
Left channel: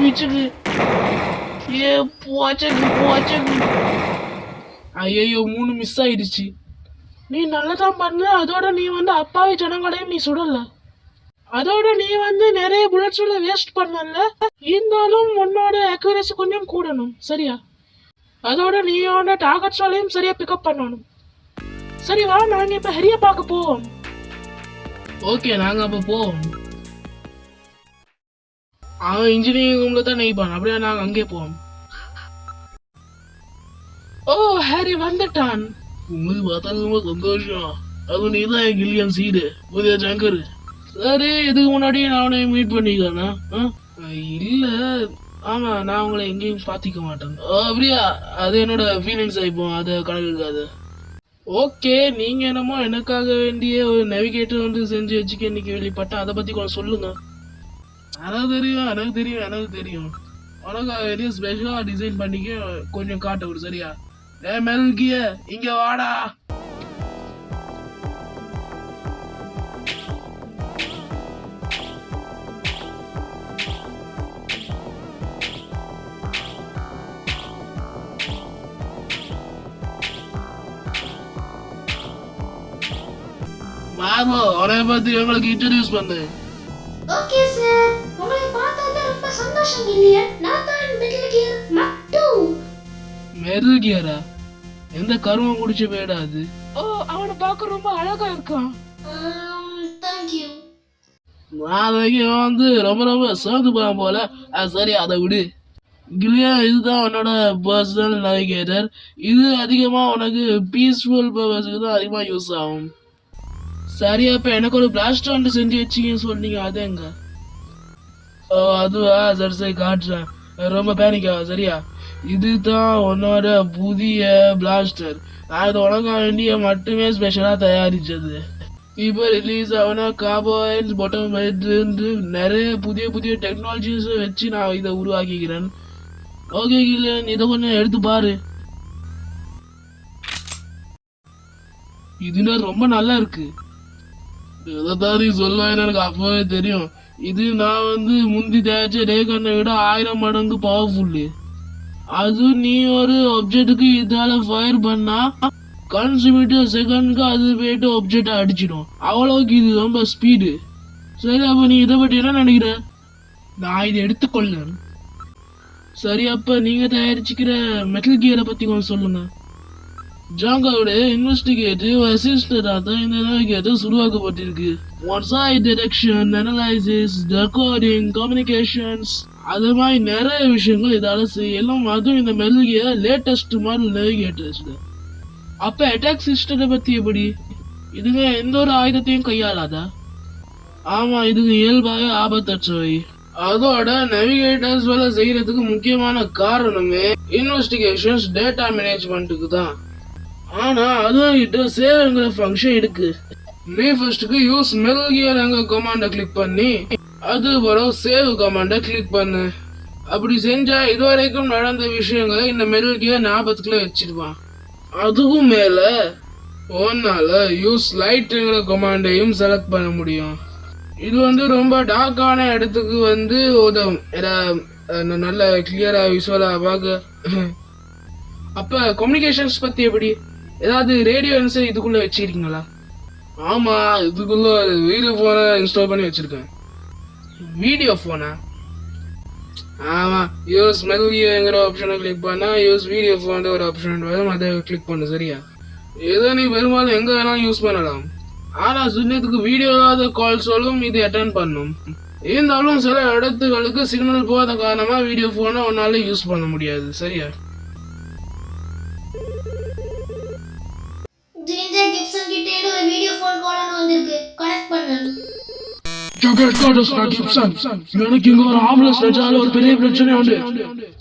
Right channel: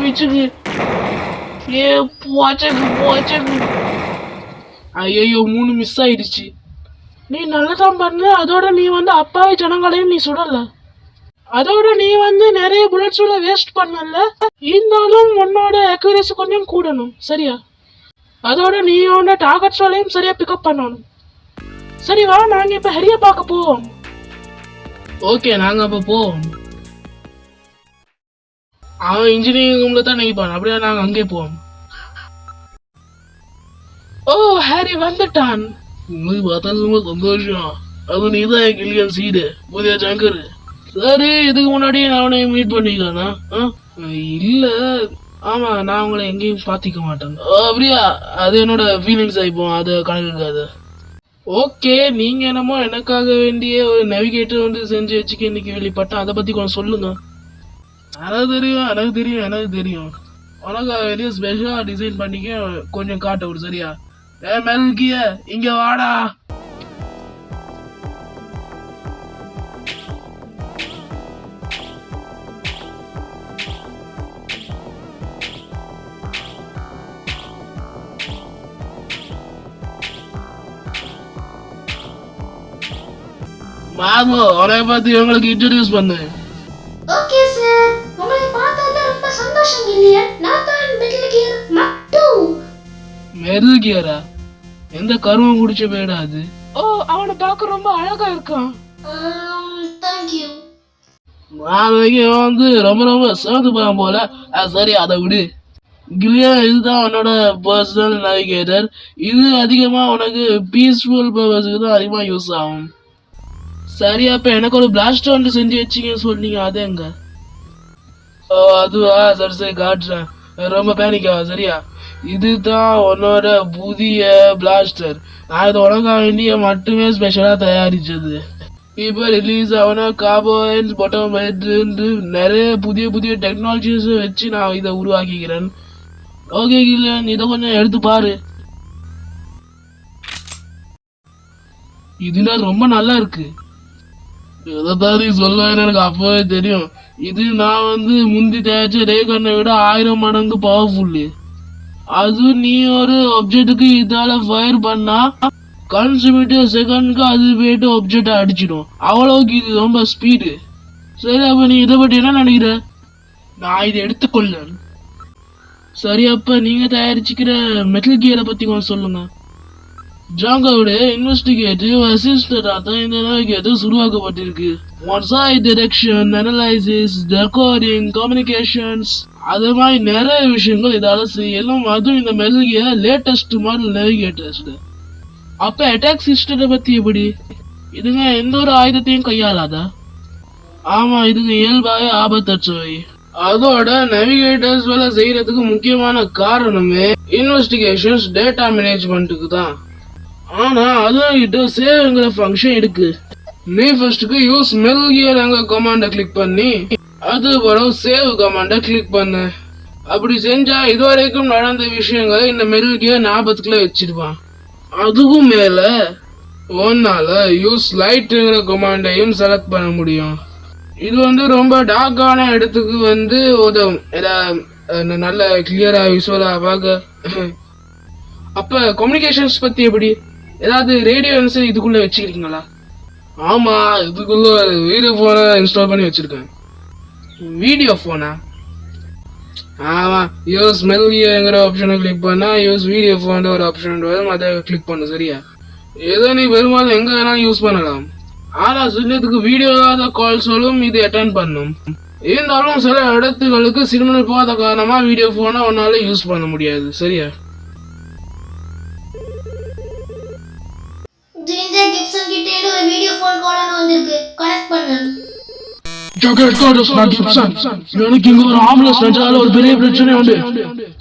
பிச்சுக்கு பூச்சக்கு பூச்சக்கு ஐயோ 3 மிஸ் ஆயிடுச்சு. நீ நல்லதான் பண்ண. அதோட நீ வந்து அப்பாவி ஜனங்களையும் நீ சுடல. அதோட நீ வந்து நிறைய புல்லட்ஸ்ல வேஸ்ட் பண்ணல. இருந்தாலும் உன்னோட அக்யூரசி கொஞ்சம் கூடணும், சரியா? அதோட நீ உன்னோட டார்கெட்ஸ்லையும் சரியா பிக்கப் பண்ணணும். சரி வா, நாங்க இப்ப ஹரியா பார்க்க போவோம். ஓகே, நாங்க அப்ப போவோம். அவன் இன்ஜினியரிங் ரூம்ல தான் நினைப்பான். அப்படியே நாங்க அங்கே போவோம். ஓ, ஹாரி வந்துட்டான். ரொம்ப சந்தோஷம். அது நீதான் கில்லியன் சீடு, புதிய ஜங்கர். சரி, இதுக்கு முன்னாடியே நான் அவனை மீட் பண்ணிக்கானா? இல்ல, ஆமா, நான் உங்களை எங்கேயும் பாத்திக்க மாட்டேன். அப்படியா? அது என்னோட ஃபீலிங்ஸ் ஆயிப்போம், அது கணக்காத. ஓகே, நீங்க என்னமோ எனக்காக வேண்டிய ஒரு நேவிகேட்டர் வந்து செஞ்சு வச்சுக்க இன்னைக்கு வெளிப்பட்டேன். அதை பத்தி கொஞ்சம் சொல்லுங்க. எனக்கு தெரியும். உனக்காக வெளியே ஸ்பெஷலா டிசைன் பண்ணிக்க கொஞ்சம் காட்ட விடு, சரியா? மெல்கிய இங்க வாடா. மாமு, உனைய பத்தி உங்களுக்கு இன்ட்ரோடியூஸ் பண்ணு. ஓகே சார், உங்களை பார்த்ததுல ரொம்ப சந்தோஷம் இல்லையா? நான் தான் மெட்டல் கியர் மட்டு. மெட்டல் கியரா? எந்த கருமம் குடிச்ச பேடா அது? ஓ, அவனை பார்க்க ரொம்ப அழகா இருக்கான். Thank you. நாளைக்கு வந்து ரொம்ப சேர்ந்து போறான் போல. சரி, அதை விடு. கிளியா, இதுதான் உன்னோட பர்சனல் நேவிகேட்டர். இது அதிகமா உனக்கு பீஸ்ஃபுல் பர்பஸ்க்கு தான் அதிகமா யூஸ் ஆகும். சரி, அப்ப எனக்கு ஒரு பிளாஸ்டர் வந்து செஞ்சு வச்சிங்கன்னு சொன்னீங்க, அது எங்க? ஓ, அதுவா? சரி காட்டுறேன். ரொம்ப பேனிக்கா, சரியா? இதுதான் உன்னோட புதிய பிளாஸ்டர். நான் இதை உனக்கா வேண்டிய மட்டுமே ஸ்பெஷலா தயாரிச்சது. இப்ப ரிலீஸ் ஆன கார்போஹைட்ரேட்ஸ், பொட்டோமேட்ஸ், நிறைய புதிய டெக்னாலஜிஸ் வச்சு நான் இதை உருவாக்கிக்கிறேன். ஓகே கில்லியன், இதை கொஞ்சம் எடுத்து பாரு. இதுல ரொம்ப நல்லா இருக்கு. எதை சொல்லுவேன்னு எனக்கு அப்பவே தெரியும். இது நான் வந்து முந்தி தயாரிச்ச ரேகனை விட 1000 மடங்கு பவர்ஃபுல்லு. அது நீ ஒரு ஆப்ஜெக்டுக்கு இதால ஃபயர் பண்ணா கன்சிமிட்டர் செகண்ட்க்கு அது போயிட்டு ஆப்ஜெக்டை அடிச்சிடும். அவ்வளவுக்கு இது ரொம்ப ஸ்பீடு. சரி, அப்ப நீ இதை பற்றி என்ன நினைக்கிற? நான் இதை எடுத்துக்கொள்ள. சரி, அப்ப நீங்க தயாரிச்சுக்கிற மெட்டல் கியரை பத்தி கொஞ்சம் சொல்லுங்க. ஜாங்கோட இன்வெஸ்டிகேட்டிவ் அசிஸ்டண்டா தான் இந்த நேவிகேட்டர் உருவாக்கப்பட்டிருக்கு. Onsite detection, analysis, recording, communications, அது மாதிரி நிறைய விஷயங்கள் இதால செய்யலும். அதுவும் இந்த metal gear latest model navigators. அப்ப அட்டாக் சிஸ்டத்தை பத்தி எப்படி? இதுங்க எந்த ஒரு ஆயுதத்தையும் கையாளாதா? ஆமா, இதுங்க இயல்பாக ஆபத்தற்றவை. அதோட நேவிகேட்டர்ஸ் வேலை செய்யறதுக்கு முக்கியமான காரணமே இன்வெஸ்டிகேஷன்ஸ், டேட்டா மேனேஜ்மெண்ட்டுக்கு தான். ஆனா அதுங்கிட்ட சேவ்ங்கிற ஃபங்க்ஷன் இருக்கு. நீ ஃபர்ஸ்ட்க்கு யூஸ் மெட்டல் கியர் எங்க கமாண்ட கிளிக் பண்ணி அது பிறகு சேவ் கமாண்ட கிளிக் பண்ணு. அப்படி செஞ்சா இதுவரைக்கும் நடந்த விஷயங்களை இந்த மெட்டல் கியர் ஞாபகத்துக்குள்ள வச்சிடுவான். அதுக்கும் மேல ஒன்னால யூஸ் லைட்ங்கிற கமாண்டையும் செலக்ட் பண்ண முடியும். இது வந்து ரொம்ப டார்க்கான இடத்துக்கு வந்து உதவும், நல்ல கிளியரா விஷுவலா பார்க்க. அப்ப கம்யூனிகேஷன்ஸ் பத்தி எப்படி? ஏதாவது ரேடியோ என்சர் இதுக்குள்ள வச்சுக்கிறீங்களா? ஆமா, இதுக்குள்ள வீடியோ போனை இன்ஸ்டால் பண்ணி வச்சிருக்கேன். வீடியோ போனா? ஆமா, யூஸ் மெட்டல் கியர்ங்கிற ஆப்ஷனை கிளிக் பண்ணா யூஸ் வீடியோ போன் ஒரு ஆப்ஷன் வரும், அதை கிளிக் பண்ணு, சரியா? ஏதோ நீ பெரும்பாலும் எங்க வேணாலும் யூஸ் பண்ணலாம். ஆனா சின்னத்துக்கு வீடியோ இல்லாத கால்ஸும் இது அட்டென்ட் பண்ணும். இருந்தாலும் சில இடத்துகளுக்கு சிக்னல் போகாத காரணமா வீடியோ போனை உன்னால யூஸ் பண்ண முடியாது, சரியா? எனக்கு இங்க ஒரு ஆம்புலன்ஸ் நடிச்சால ஒரு பெரிய பிரச்சனை உண்டு.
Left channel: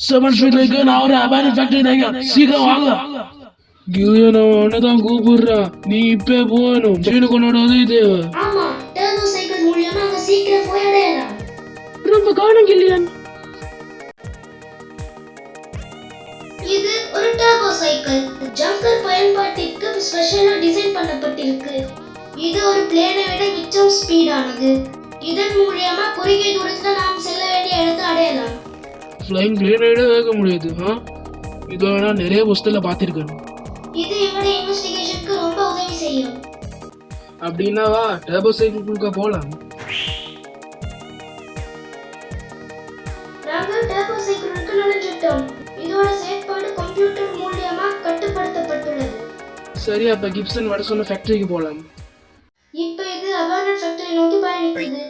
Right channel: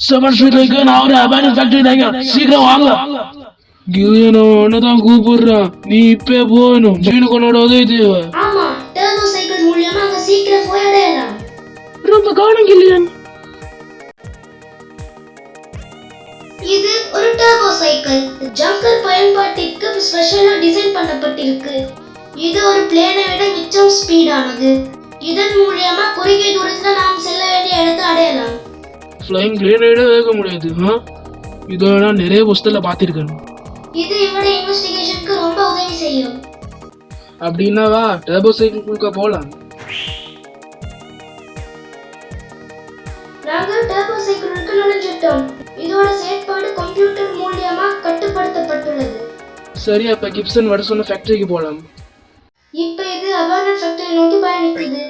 7 ஸ்ட்ரீட்ல இருக்கு. நான் ஒரு அபார்ட்மெண்ட் ஃபேக்டரி. சீக்கிரம் வாங்க. கில்லியனோ அண்ணதான் கூப்பிடுறான், நீ இப்பே போகணும். ஜீனுக்கு உன்னோட உதவி தேவை. ஆமா, டர்போ சைக்கிள் மூலமா அங்க சீக்கிரம் போய் அடையலாம். ரொம்ப காணும் கில்லியன். இது ஒரு டர்போ சைக்கிள். ஜங்கர் பயன்பாட்டிற்கு ஸ்பெஷலா டிசைன் பண்ணப்பட்டிருக்கு. இது ஒரு பிளேனை விட மிச்சம் ஸ்பீடானது. இதன் மூலமா குறுகிய தூரத்துல நாம் செல்ல வேண்டிய இடத்தை அடையலாம். ஃப்ளைங் பிளேனை விட வேக முடியாது. இது நான் நிறைய புஸ்தகத்துல பார்த்திருக்கேன். இது என்னோட இன்வெஸ்டிகேஷனுக்கு ரொம்ப உதவி செய்யும். அப்படின்னா வா டர்போ சைக்கிளுக்கு போலாம். நாங்க டர்போ சைக்கிளுக்கு நுழைஞ்சிட்டோம். இதோட செயல்பாடு கம்ப்யூட்டர் மூலமா கட்டுப்படுத்தப்பட்டுள்ளது. சரி, அப்ப கிப்சன் வர சொன்ன ஃபேக்டரிக்கு போலாம். இப்ப இது அபார்ட்மெண்ட் ஃபேக்டரி நோக்கி பயணிக்குது.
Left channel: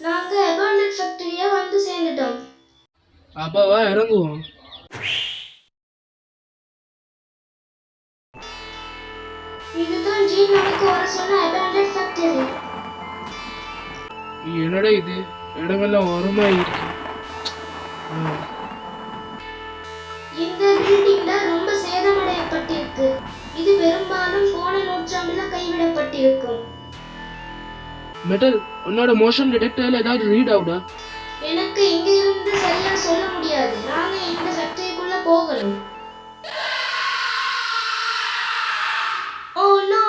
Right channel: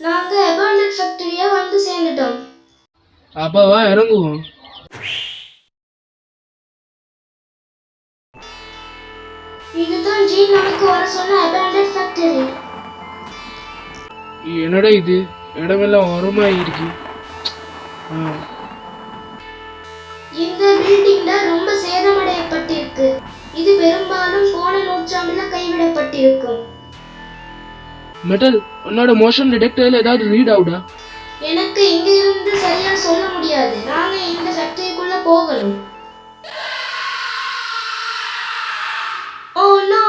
நாங்க அபார்ட்மெண்ட் ஃபேக்டரியா வந்து சேர்ந்துட்டோம். அப்ப வா இறங்குவோம். இதுதான் ஜீன் நமக்கு வர சொன்ன அபார்ட்மெண்ட் ஃபேக்டரி. என்னடா இது, இடமெல்லாம் வருமா இருக்கு. இந்த பில்டிங்ல ரொம்ப சேதமடையப்பட்டிருக்கு. இது பெரும்பாலும் போன நூற்றாண்டுல கைவிடப்பட்டிருக்கும். மெட்டல், உன்னோட மோஷன் டிடெக்டர்ல ஏதாவது ரீட் ஆகுதா? எனக்கு இங்க இருந்து சரியா சொல்ல முடியாது. நாங்க இந்த ஃபேக்டரிக்குள்ள போகணும். Oh no!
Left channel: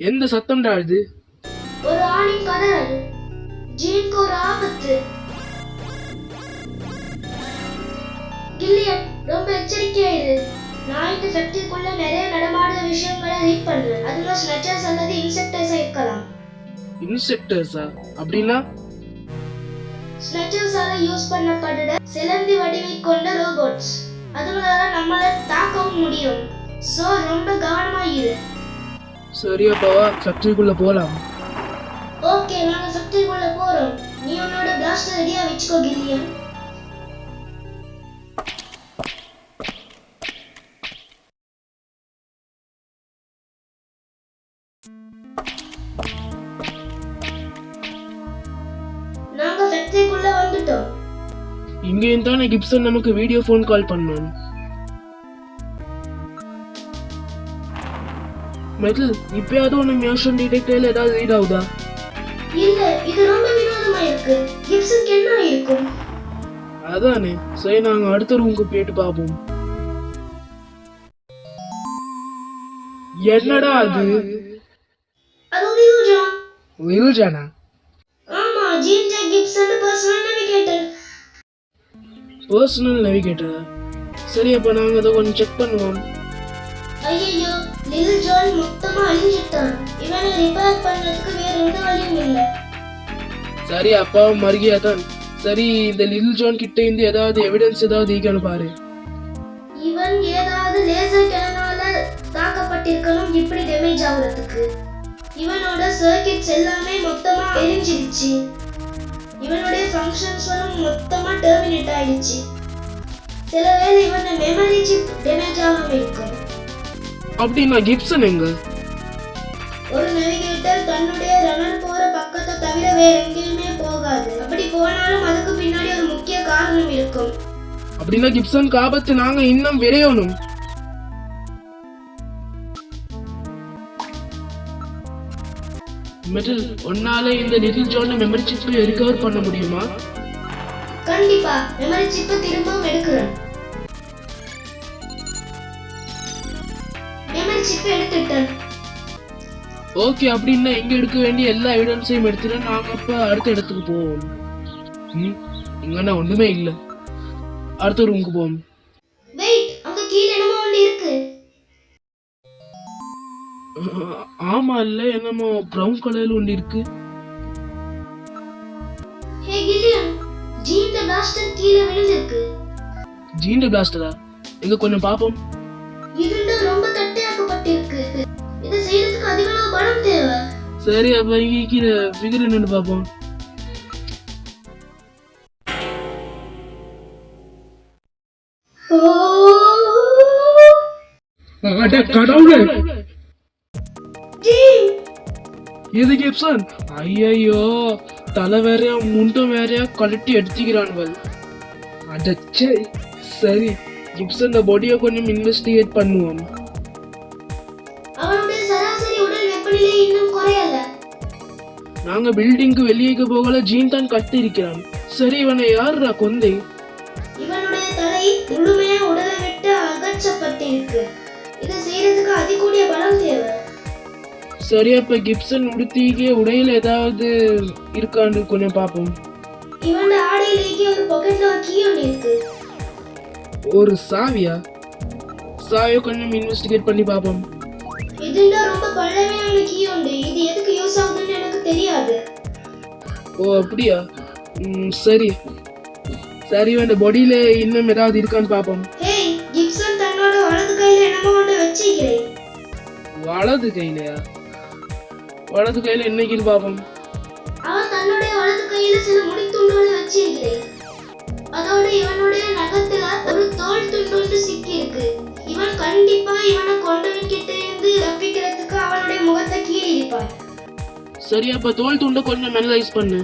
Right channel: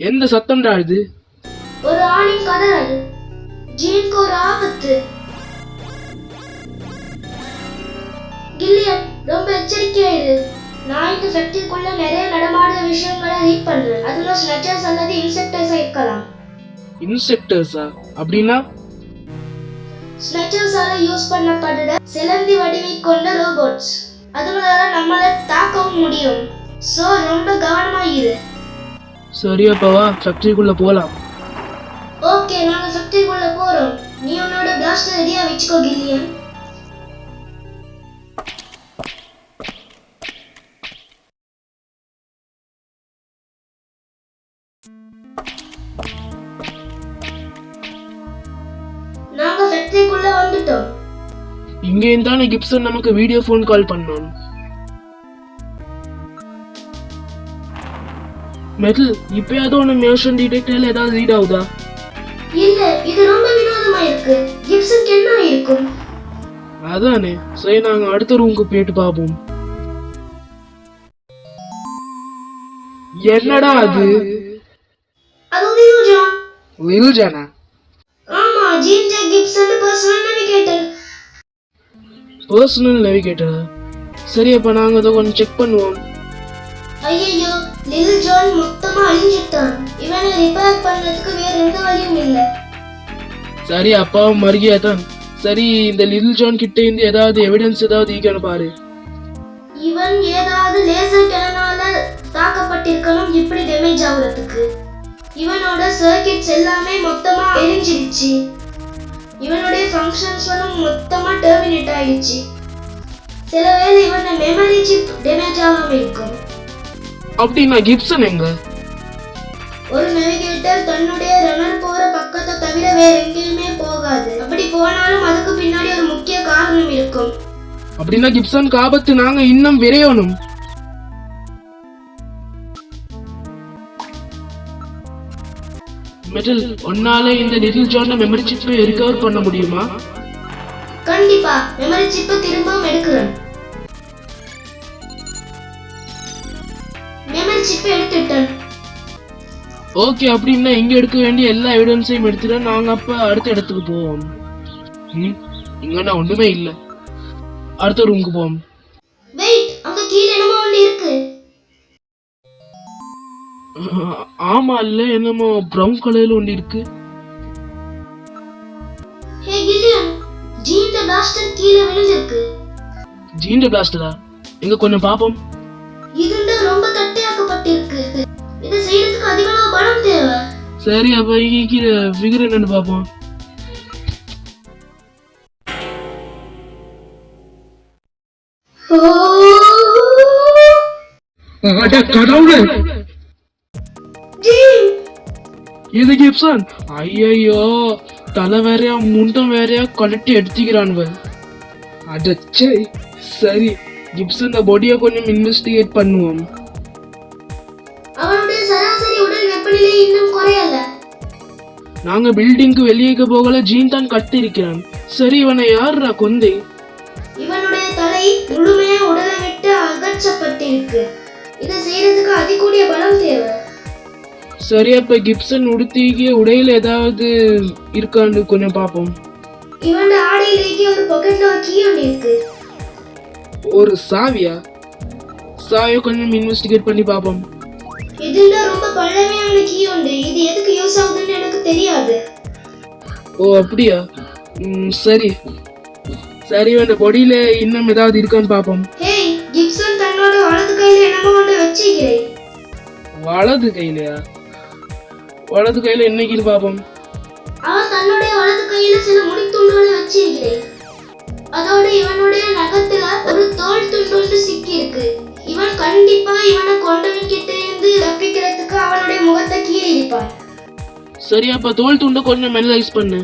எந்த சத்தம்டா இது? ஒரு ஆணின் கதறல். ஜீனுக்கு ஒரு ஆபத்து. கில்லியன், ரொம்ப எச்சரிக்கையா இரு. நான் இந்த ஃபேக்டரிக்குள்ள நிறைய நடமாடுற விஷயங்களை ரீட் பண்றேன். அதுல ஸ்னச்சர்ஸ் அல்லது இன்செக்டர்ஸ் இருக்கலாம். இன்செக்டர்ஸா? அப்படின்னா ஸ்னச்சர்ஸால யூஸ் பண்ணப்படுற சிலந்தி வடிவை கொண்ட ரோபோட்ஸ். அதுங்களால நம்மள தாக்கவும் முடியும். சோ ரொம்ப கவனமா இரு. சரி, அப்ப வா ஃபேக்டரிக்குள்ள போலாம். ஓகே, நாங்க ஃபேக்டரிக்குள்ள போறோம். நீ உன்னோட பிளாஸ்டர் ரெடியா வெச்சுக்கோ கில்லியன். நாங்க ஃபேக்டரிக்குள்ள வந்துட்டோம். இங்க இருந்தானே கிப்சன் நமக்கு வீடியோ ஃபோன் கால் பண்ணான். மெட்டல், இப்பயாவது உனக்கு மோஷன் டிடெக்டர்ல ஏதாவது ரீட் ஆகுதா? இல்ல, இது ரொம்ப வினோதமா இருக்கு. கிப்சனுக்கு என்ன இருக்கும்? அதானே. சரி, நாங்க அடுத்த ரூமுக்கு போயிட்டு பாப்போம். என்னடா அது? அது லிலுஜான். லிலுஜானா? ஆமா, ஜீன் டெக் Gibson personal navigator. Personal navigator? சரி, அப்ப நாங்க அதை கொஞ்சம் செக் பண்ணுவோம். ஐயோ, லிலுஜான் மொத்தமா அழிஞ்சிட்டான். இவனை ரிப்பேர் பண்ணதுக்கு வேற எந்த வழியும் இல்ல. சரி, அப்பாவும் மறுகியா தான். சரி, இந்த லிட்டில் ஜான் கிட்ட இருந்து ஏதாவது எவிடன்ஸ் ஏதாவது ஈக்கணும் பாரு. இவன் ஏதாவது லேசர் கேனால தாக்கப்பட்டிருக்கணும் இப்படி டேமேஜ் ஆகுறதுக்கு. இவனோட சர்க்கிட்ஸ் எல்லாமே மொத்தமா எரிஞ்சிருச்சு. இவனுடைய ஃபங்க்ஷன்ஸ்களும் மொத்தமா டெர்மினேட் ஆயிடுச்சு. சில வேளை இவனோட மெமரி சிப் டேமேஜ் ஆகாம இருக்கும். அப்படின்னா கிப்சன் எங்க? ஒரு நேவிகேட்டர் தன்னுடைய ரன்னர் போற பக்கத்தை தவிர வேற எங்கேயுமே போகாது. அப்படி போனாலும் அதுக்கு பின்னாடி ஒரு முக்கிய காரணம் இருக்கும். அப்படின்னா கிப்சன் ஆபத்து, நாங்க இன்னும் விரையணும். மெட்டல், உன்னால இந்த லிட்டில் ஜான் மெமரி சிப்பை ரிகவர் பண்ண முடியுமா? கண்டிப்பா, மெமரி சிப்பை திரும்பவும் எடுக்கிறேன். மெமரி சிப்பை எடுத்துட்டேன். ஓகே, அப்படின்னா இங்க எடுக்க வேண்டிய எல்லா எவிடன்ஸையும் எடுத்துட்டு நாங்க அப்ப அடுத்த இடத்துக்கு போவோம். இங்கன்னா ஒண்ணுமே இல்ல. அடுத்த ரூமுக்கு போவோம். வெயிட், அங்க கீழ என்னமோ ஒண்ணு இருக்கு. ஆமா, இல்ல என்னமோ பிரவுன் கலர்ல ஒண்ணு இருக்கு. ஹே கில்லியன், ஜீன்ட பிளாஸ்டர் கீழ விழுந்திருக்கு. ஜீன்ட பிளாஸ்டரா? எங்க கொஞ்சம் பாப்போம். இதுண்ட ரொம்ப தட்டையாக்கப்பட்டிருக்கு. இத செய்யறதுக்கு அதிகமா பணம் தேவை. சரி, அப்ப இங்க ஃபிகர் என்னன்னு பாப்போம். கடவுளே! இது கிப்சன். ஐயோ, தலை வேறையா முண்டம் வேறையா கழட்டி எடுத்துக்கிறான்கள். அடச்சே. சரி, கிப்சன் பாடியை கொஞ்சம் இன்வெஸ்டிகேட் பண்ணுவோம். அவனுடைய சராசரி உடல் வெப்பநிலை இன்னும் குறையல. நாங்க பில்டிங்க்கு வெளியே போகல, ஜீன் தான் கட்டி இருக்கிறான். சரி, இவனை யாருடா கொந்தை? இவனுடைய தலை முழுமையா உடலை விட்டு அகற்றப்பட்டிருக்கு. இதை செய்யறதுக்கு அதிகூடிய பலம் தேவை. சரி, அப்ப கிப்சன் உடுத்திக்க உடையில ஏதாவது இருக்கான்னு கொஞ்சம் பாப்போம். இவனுடைய ஆடையிலேயே ஒரு பாக்கெட்ல ஒரு கீ ஒன்று இருக்கு. ஒரு சாவியா? சாவியை கொஞ்சம் இன்வெஸ்டிகேட் பண்ணி பாப்போம். இதுதான் ரொம்ப பழமையான கீ ஒன்று. இது எதுக்கு யூஸ் ஆகுதுன்னு எனக்கு தெரியாது. ஓ அப்படியா? சரி சரி, இந்த பாடியில இன்னும் ஏதாவது இருக்கான்னு பாப்போம். ஹேய், கிப்சன் தன்னோட வலது கையில என்னமோ ஒன்று வச்சிக்கிறேன். வலது கையிலயா? வலது கையில என்னைக்கு பாப்போம். அவன் தன்னுடைய வலது கையில சில முடித்துண்டுகளை வச்சிருக்கிறேன். அதோட இவனுடைய நகத்துல ஒரு தோல் துண்டு சிக்கி இருக்கு. இவன் கண்டிப்பா இவனை கொண்டவன் கிட்ட இருந்து தப்பிக்கிறதுக்கு அவனுடைய முகத்தை கீறி இருப்பான். சரி, அப்ப தோல் துண்டை கொஞ்சம் அனலைஸ் பண்ணு.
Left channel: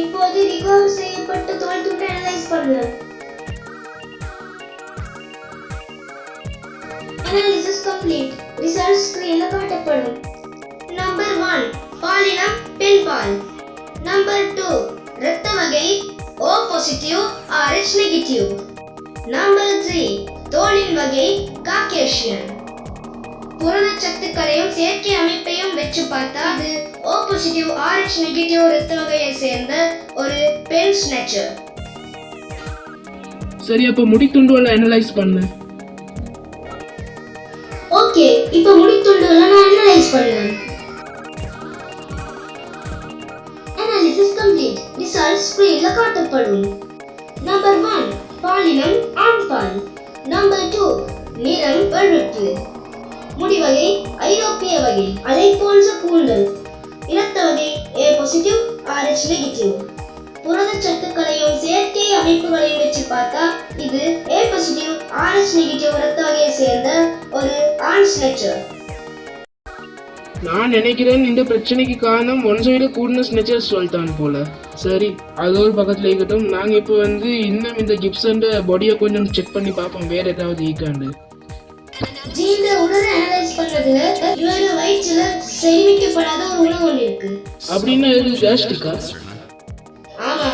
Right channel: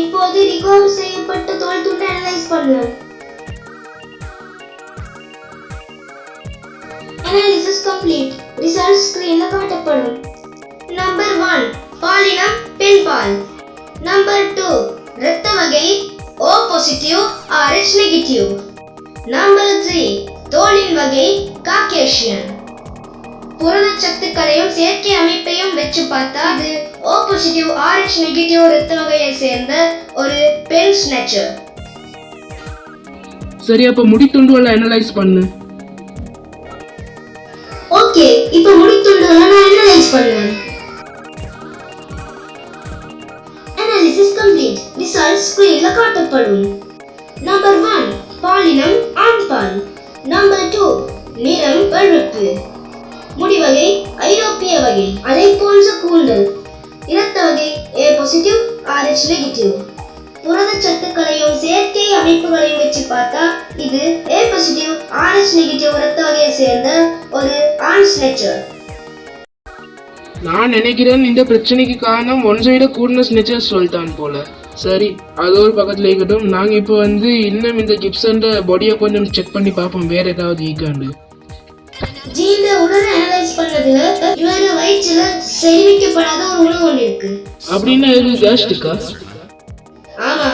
இப்போது ரிகவர் செய்யப்பட்ட தோல் துண்டை அனலைஸ் பண்ணு. Analysis complete. ரிசல்ட் ஸ்கிரீன்ல காட்டப்படும். நம்பர் 1 பாலினம் பெண் பால். நம்பர் 2 இரத்த வகை O positive RH negative. Number 3 தோலின் வகை காக்கேஷியன். புரதச்சத்துக்களையும் செயற்கை அமைப்பையும் வச்சு பார்த்தா அது O பாசிட்டிவ் RH நெகட்டிவ் இரத்த வகையை சேர்ந்த ஒரு பெண் ஸ்னேச்சர். சரி, அப்ப முடித்துண்டுகளை அனலைஸ் பண்ணு. ஓகே, இப்போ முடித்துண்டுகளை நான் அனலைஸ் பண்ணேன். Analysis complete. ரிசல்ட் ஸ்கிரீன்ல காட்டப்படும். நம்பர் 1 பாலினம் ஆண் பால். நம்பர் 2 நிறம் வெளுப்பு. முடிவகை ஐரோப்பிய வகை. அதை போன்ற கூந்தல். இரத்த வகை A பாசிட்டிவ் RH நெகட்டிவ். புரதச்சத்துக்களையும் செயற்கை அமைப்புகளையும் வச்சு பார்த்தா இது A பாசிட்டிவ் RH நெகட்டிவ் இரத்த வகையை சேர்ந்த ஒரு ஆண் ஸ்னேச்சர். நான் நினைக்கிறேன் இந்த பிரச்சனைக்கு காரணம் ஒன்றை விட கூடின ஸ்னேச்சர் சொல்லிட்டான் போல. சரி, அது ஒரு பக்கத்துல இருக்கட்டும். நாங்க இப்போ இன்னும் இந்த கிப்சன் பாடியை கொஞ்சம் செக் பண்ணி பார்ப்போம், வேற ஏதாவது இருக்காண்டு. ஜீன்ல உடலை அனலைஸ் பண்ணதுல இவரோட வயிற்றுல சேமிக்கப்படாத ஒரு உணவு ஒன்று இருக்கு. அப்படின்னா இது கேஸ்ட்ரிக்கா? ஆமா,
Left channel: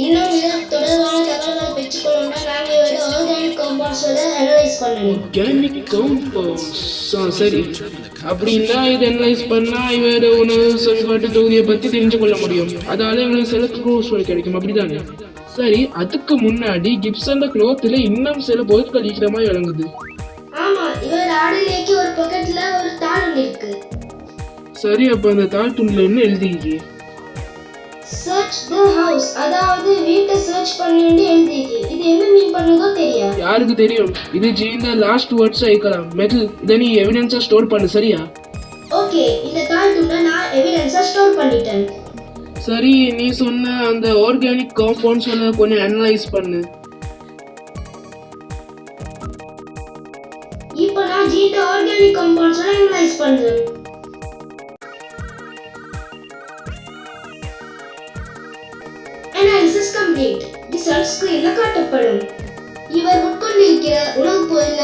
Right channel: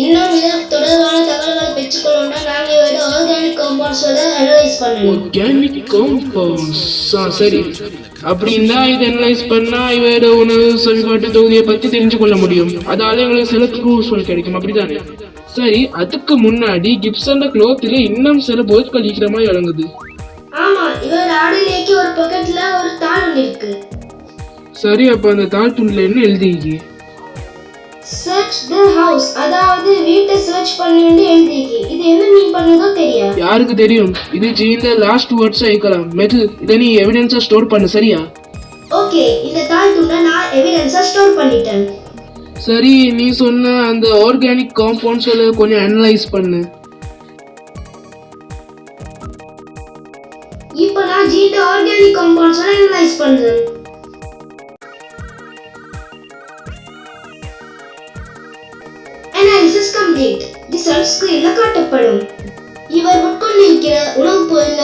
இன்னும் இது தொடர்பான தகவல்களை பெற்றுக்கொள்ளணும்னா நாங்க இவரோட ஆர்கானிக் காம்பவுண்ட்ஸோட அனலைஸ் பண்ணணும். Organic compounds. சரி, அப்படின்னா இது அனலைஸ் பண்ணா இவரோட உணவு செயல்பாட்டு தொகுதியை பத்தி தெரிஞ்சு கொள்ள முடியும். அதால எங்களுக்கு சில க்ளூஸ் கிடைக்கும், அப்படிதானே? சரி, அதுக்கு முன்னாடி கிப்சன் க்ளோத்ல இன்னும் சில பொருட்கள் இருக்கிற மாதிரி விளங்குது. ஆமா, இவர் ஆடையிலேக்கு ஒரு பாக்கெட்ல ஒரு தாள் இருக்கு. சரி, அப்ப அந்த தாள் துண்டுல என்ன எழுதிருக்கு? சர்ச் தி ஹவுஸ், அதாவது வீட்டை சர்ச் பண்ணுன்னு எழுதிருக்கு. இது என்ன மீன் பண்ணுதோ தெரியாது. யாருக்கு தெரியும்? இது ஜீன்ல லாஸ்ட் வேர்ட்ஸ் ஐக்கலாம். மெட்டல், இத நீ எவிடன்ஸா ஸ்டோர் பண்ணு, சரியா? ஓகே, இந்த தாள் துண்டை நான் எவிடன்ஸா ஸ்டோர் பண்ணிட்டேன். சரி, நீ சொன்ன அந்த ஆர்கானிக் காம்பவுண்ட்ஸ்ல கொஞ்சம் அனலைஸ் பண்ணு. இப்போ நான் ஜீன்ல ஆர்கானிக் காம்பவுண்ட்ஸோட அனலைஸ் பண்றேன். Analysis complete. ரிசல்ட் ஸ்கிரீன்ல காட்டப்படும். இவர் உட்கொண்டிருக்கிற உணவுப் பொருள்ல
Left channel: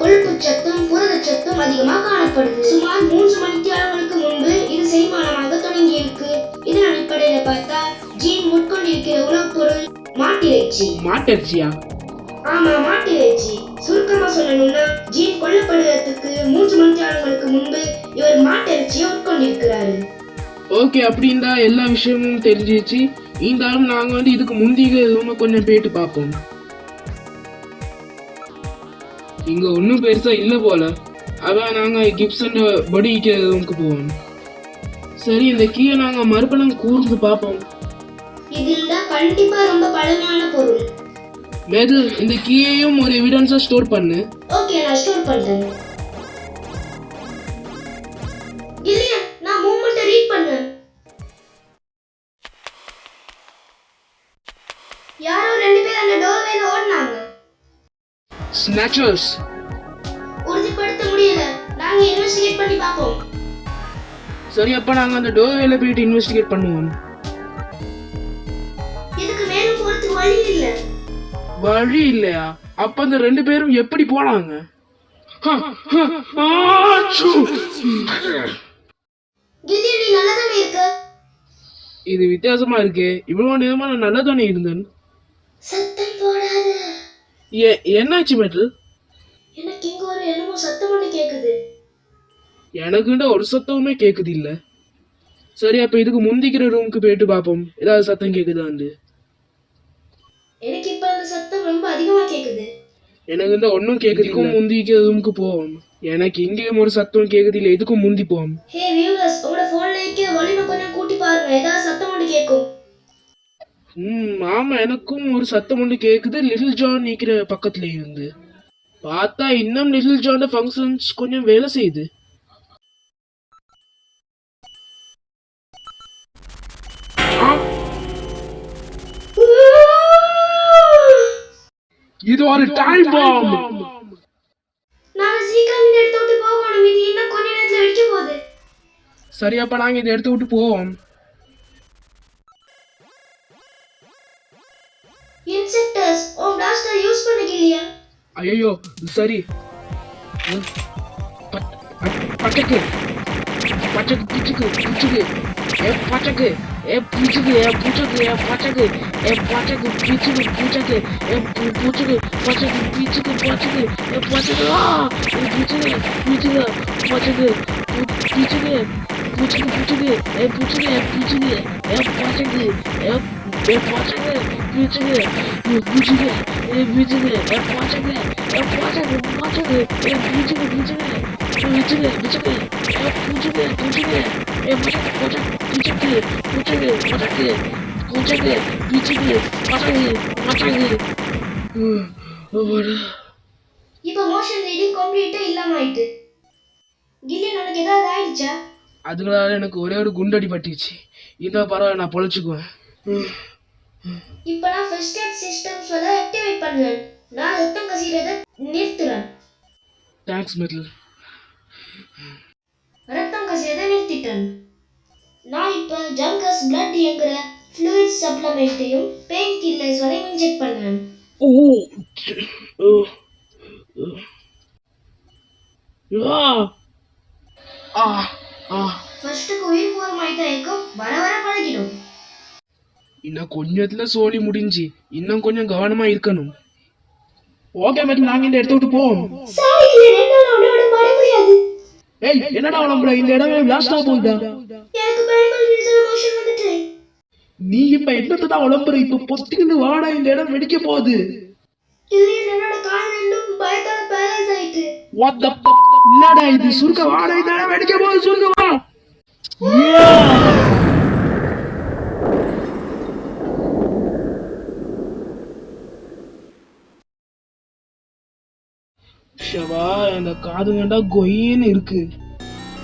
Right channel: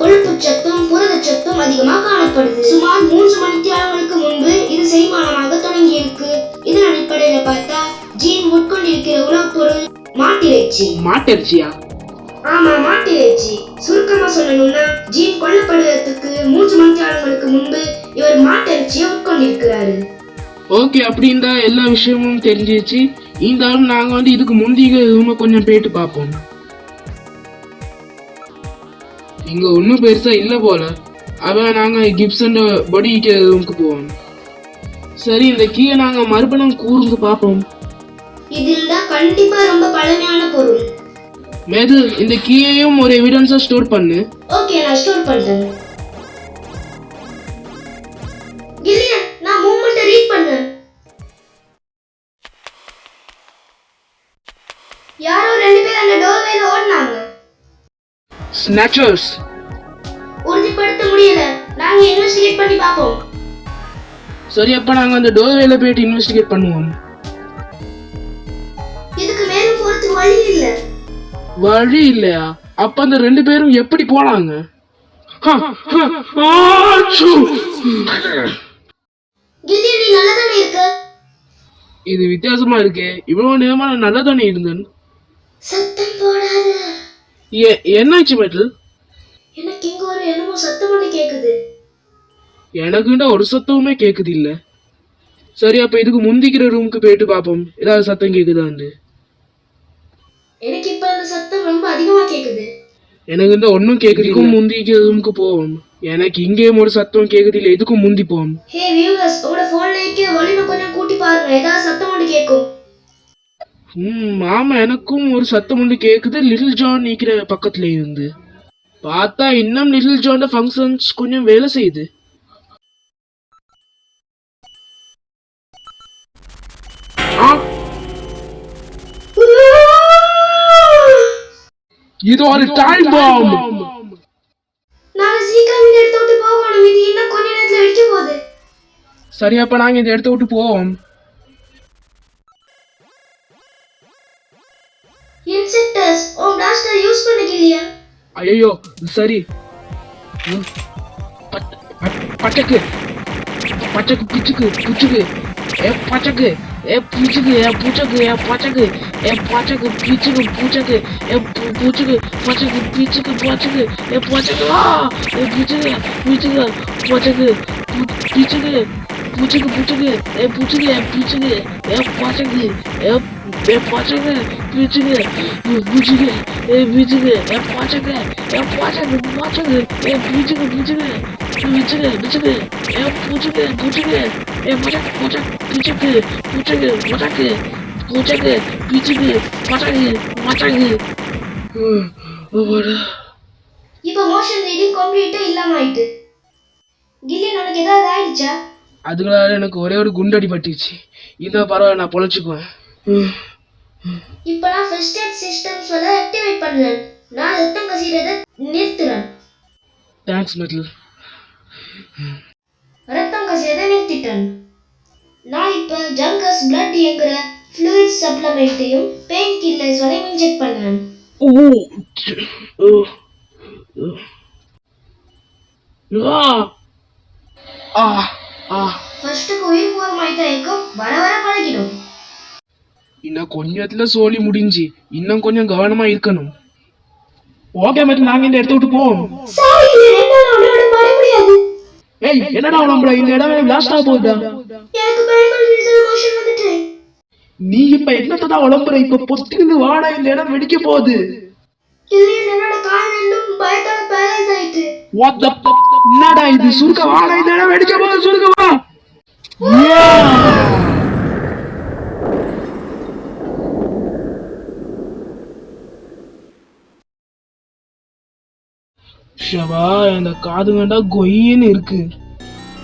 கொழுப்புச்சத்தும் புரதச்சத்தும் அதிகமாக காணப்படுது. சுமார் 3 மணித்தியாலங்களுக்கு முன்பு இது செரிமானமாக தொடங்கி இருக்கு. இதன் அடிப்படையில பார்த்தா ஜீன் உட்கொண்டிருக்கிற உணவுப் பொருள் மாட்டிறைச்சி. மாட்டிறைச்சியா? ஆமா, மாட்டிறைச்சி. சுருக்கமா சொல்லணும்னா ஜீன் கொல்லப்படுவதற்கு 3 மணித்தியாலங்களுக்கு முன்பு இவர் மாட்டிறைச்சியை உட்கொண்டிருக்கிறாரு. ஓகே, அப்படின்னா எல்லா விஷயமும் தெரிஞ்சிச்சு. இருந்தாலும் நாங்க இதுக்கு முந்திக ரூமை கொஞ்சம் போயிட்டு பார்ப்போம். இங்க ஒன்றும் பெருசா இல்லை போல. அதான் நாங்க கிப்சன் பாடிக்கு ரூமுக்கு போவோம். சரி, இந்த கீயை நாங்க மறுபடியும் கூர்ந்து பார்ப்போம். இதுல கண்டிப்பா ரொம்ப பழமையான பொருள். மேது, இந்த கீயையும் ஒரு எவிடன்ஸா ஸ்டோர் பண்ணு. ஓகே, நான் ஸ்டோர் பண்றேன். இல்லையா, நான் மூவ்மெண்ட்டை ரீட் பண்ணேன். யாரோ 2 பேர் அந்த டோர்வேல ஓடுனாங்க. ஸ்னேச்சர்ஸ். உறுதிப்படுத்த முடியல. நாங்க இன்வெஸ்டிகேட் பண்ணி பார்ப்போம். சரி அப்ப நாங்க அந்த டோர்வேல போயிட்டு இன்வெஸ்டிகேட் பண்ணுவோம். இதுக்கு மேல போறதுக்கு வழி இல்ல. வழி இல்லையா? அப்ப அந்த 2 பேரும் எப்படி போனாங்க? கில்லி நீ நல்லா தானே இருக்க? இது வித்தியாசமா இருக்கே. இவ்வளவு நேரமா நான் நல்லா தானே இருந்தேன். சத்தம் போடாத. என்னாச்சு மெட்டல்? எனக்கு இங்க ஒரு என்னமோ சத்தம் ஒண்ணு கேக்குது. எனக்குண்ட ஒரு சத்தமுமே கேக்குது இல்ல. சரி அப்ப இதுக்கு முந்திக்கிற ரூமுக்கு போயிட்டு பாப்போம் ஏதாவது சத்தம் கேக்குதான்னு. எனக்கு இப்ப அந்த சத்தம் ரொம்ப அதிகமா கேக்குது. எனக்கு இந்த ஒன்னும் கேக்குது. இதுக்கும் முந்திக்கிற ரூமுக்கு போவோம். எனக்கு இங்கேயும் ஒரு சத்தம் கேக்குது இல்ல. இதுக்கும் முந்தி போவோம். ஹே வியூவர்ஸ், உங்களோட போன்ல இருக்க வால்யூம் கொஞ்சம் கூட்டி பாருங்க. ஏதாவது சத்தம் ஒண்ணு கேக்கும். ஆமா எனக்கும் ஒரு சத்தம் ஒண்ணு கேக்குது. லிட்டில் ஜான் நிக்கிற பக்கத்துல இருந்து. பார்த்தா இன்னும் லிட்டில் ஜான் ஃபங்க்ஷன்ஸ் கொஞ்சம் வேலை செய்யுது. இது ஒரு டைம் பாம். நாம சீக்கிரம் இந்த இடத்தை விட்டு போகணும். இது இன்னும் கொஞ்ச நேரத்துல வெடிக்க போகுது. சரி அப்ப நாங்க இந்த இடத்தை விட்டு போவோம். இன்செக்டர்ஸ் ஓ பிளாஸ்டர் யூஸ் பண்ணிக்கலையா? ஐயோ சரி. பச்சக்கு பச்சக்கு பிச்சுக்கு பிச்சுக்கு பச்சக்கு பிச்சுக்கு பிச்சுக்கு பச்சக்கு பச்சக்கு பிச்சுக்கு பிச்சுக்கு பிச்சுக்கு பச்சக்கு பிச்சுக்கு பச்சக்கு பச்சக்கு பிச்சுக்கு பிச்சுக்கு பச்சக்கு பிச்சுக்கு பிச்சுக்கு பிச்சுக்கு பிச்சுக்கு பிச்சுக்கு பச்சக்கு பச்சக்கு பிச்சுக்கு பிச்சுக்கு பிச்சுக்கு பச்சக்கு இப்போ மோஷன் ரீடிங் கம்ப்ளீட்டா இல்லாம ஆயிட்டு. கில்லி உனக்கு ஏதாவது ஆயிடுச்சா? அதுங்களால எனக்கு ஒரே ஒரு குண்டடி பட்டுச்சு. இதான் பரவாயில்ல நான் பொழைச்சுக்குவேன். இப்போ நான் ஃபர்ஸ்ட் எய்ட் சிஸ்டம்ஸ் ஆக்டிவேட் பண்ணேன். நான் ரத்தம் கசிறதை நிறுத்துறேன். Thanks metal. ரத்தம் கசிறதை நிறுத்திட்டேன். நான் இப்போ ஜங்கஸ் பிளட் என்கிற ஃப்ளூயிட் சப்ளிமெண்ட்டையும் பெயின் கில்லர்ஸையும் இன்ஜெக்ட் பண்ணேன். ஃபர்ஸ்ட்டுக்கு உயிர் போகிற மாதிரி தான் இருக்கும். வர வர பழகிடும். இன்னும் கொஞ்சத்துல சோலி முடிஞ்சு. இன்னும் கொஞ்சம் கவனமா இருக்கணும். ஓகே மெட்டல் நாங்க இந்த இடத்த விட்டு போவோம். ஏய் என்னடா நம்மள இந்த இடம் லாஸ்டா போகுது. எனக்கு பயங்கர ரிசர்வேஷன் வந்துட்டு. நீ இப்ப என்னத்தடா உளம்புற? இப்ப பொத்துக்கிட்டு வாடா இந்த இடம் வெடிக்க போகுது. இல்ல என்னோட கால் ரெண்டும் பயத்தால பேரலைஸ் ஆயிட்டு. What the என்னடா இது? சுருக்க வாடா இந்த இடம் வெடிக்க போகுது. சுருக்க வா. ஷவா இந்த காது வேண்டா கொயின்னு இருக்கு.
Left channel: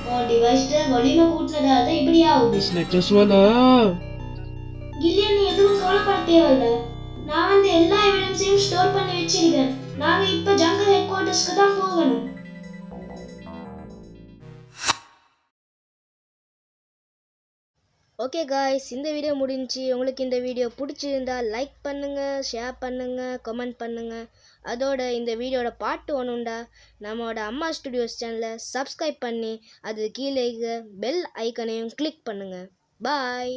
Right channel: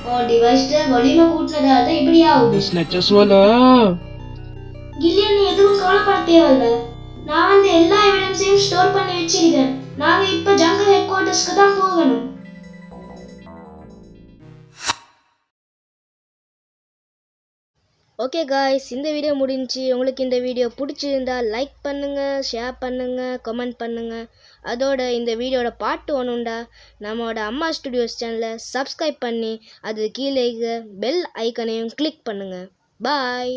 ஓ டிவைஸ்ல வால்யூம் கூட்டனதால தான் இப்படி ஆகுது. ஸ்னெச்சஸ் வல கில்லி நீ எதுவும் கவலைப்பட தேவையில்ல. நான் வந்து எல்லா எவிடன்ஸையும் ஸ்டோர் பண்ணி வச்சிருக்கேன். நாங்க இப்ப ஜங்கல் ஹெட் குவார்ட்டர்ஸ்க்கு தான் போகணும். ஓகே காய்ஸ், இந்த வீடியோ முடிஞ்சு. உங்களுக்கு இந்த வீடியோ பிடிச்சிருந்தா லைக் பண்ணுங்கள், ஷேர் பண்ணுங்கள், கமெண்ட் பண்ணுங்கள். அதோட இந்த வீடியோட பார்ட் 1 உண்டா நம்மளோட அம்மா ஸ்டுடியோஸ் சேனலை சப்ஸ்கிரைப் பண்ணி அது கீழே பெல் ஐக்கனையும் கிளிக் பண்ணுங்கள். பாய்.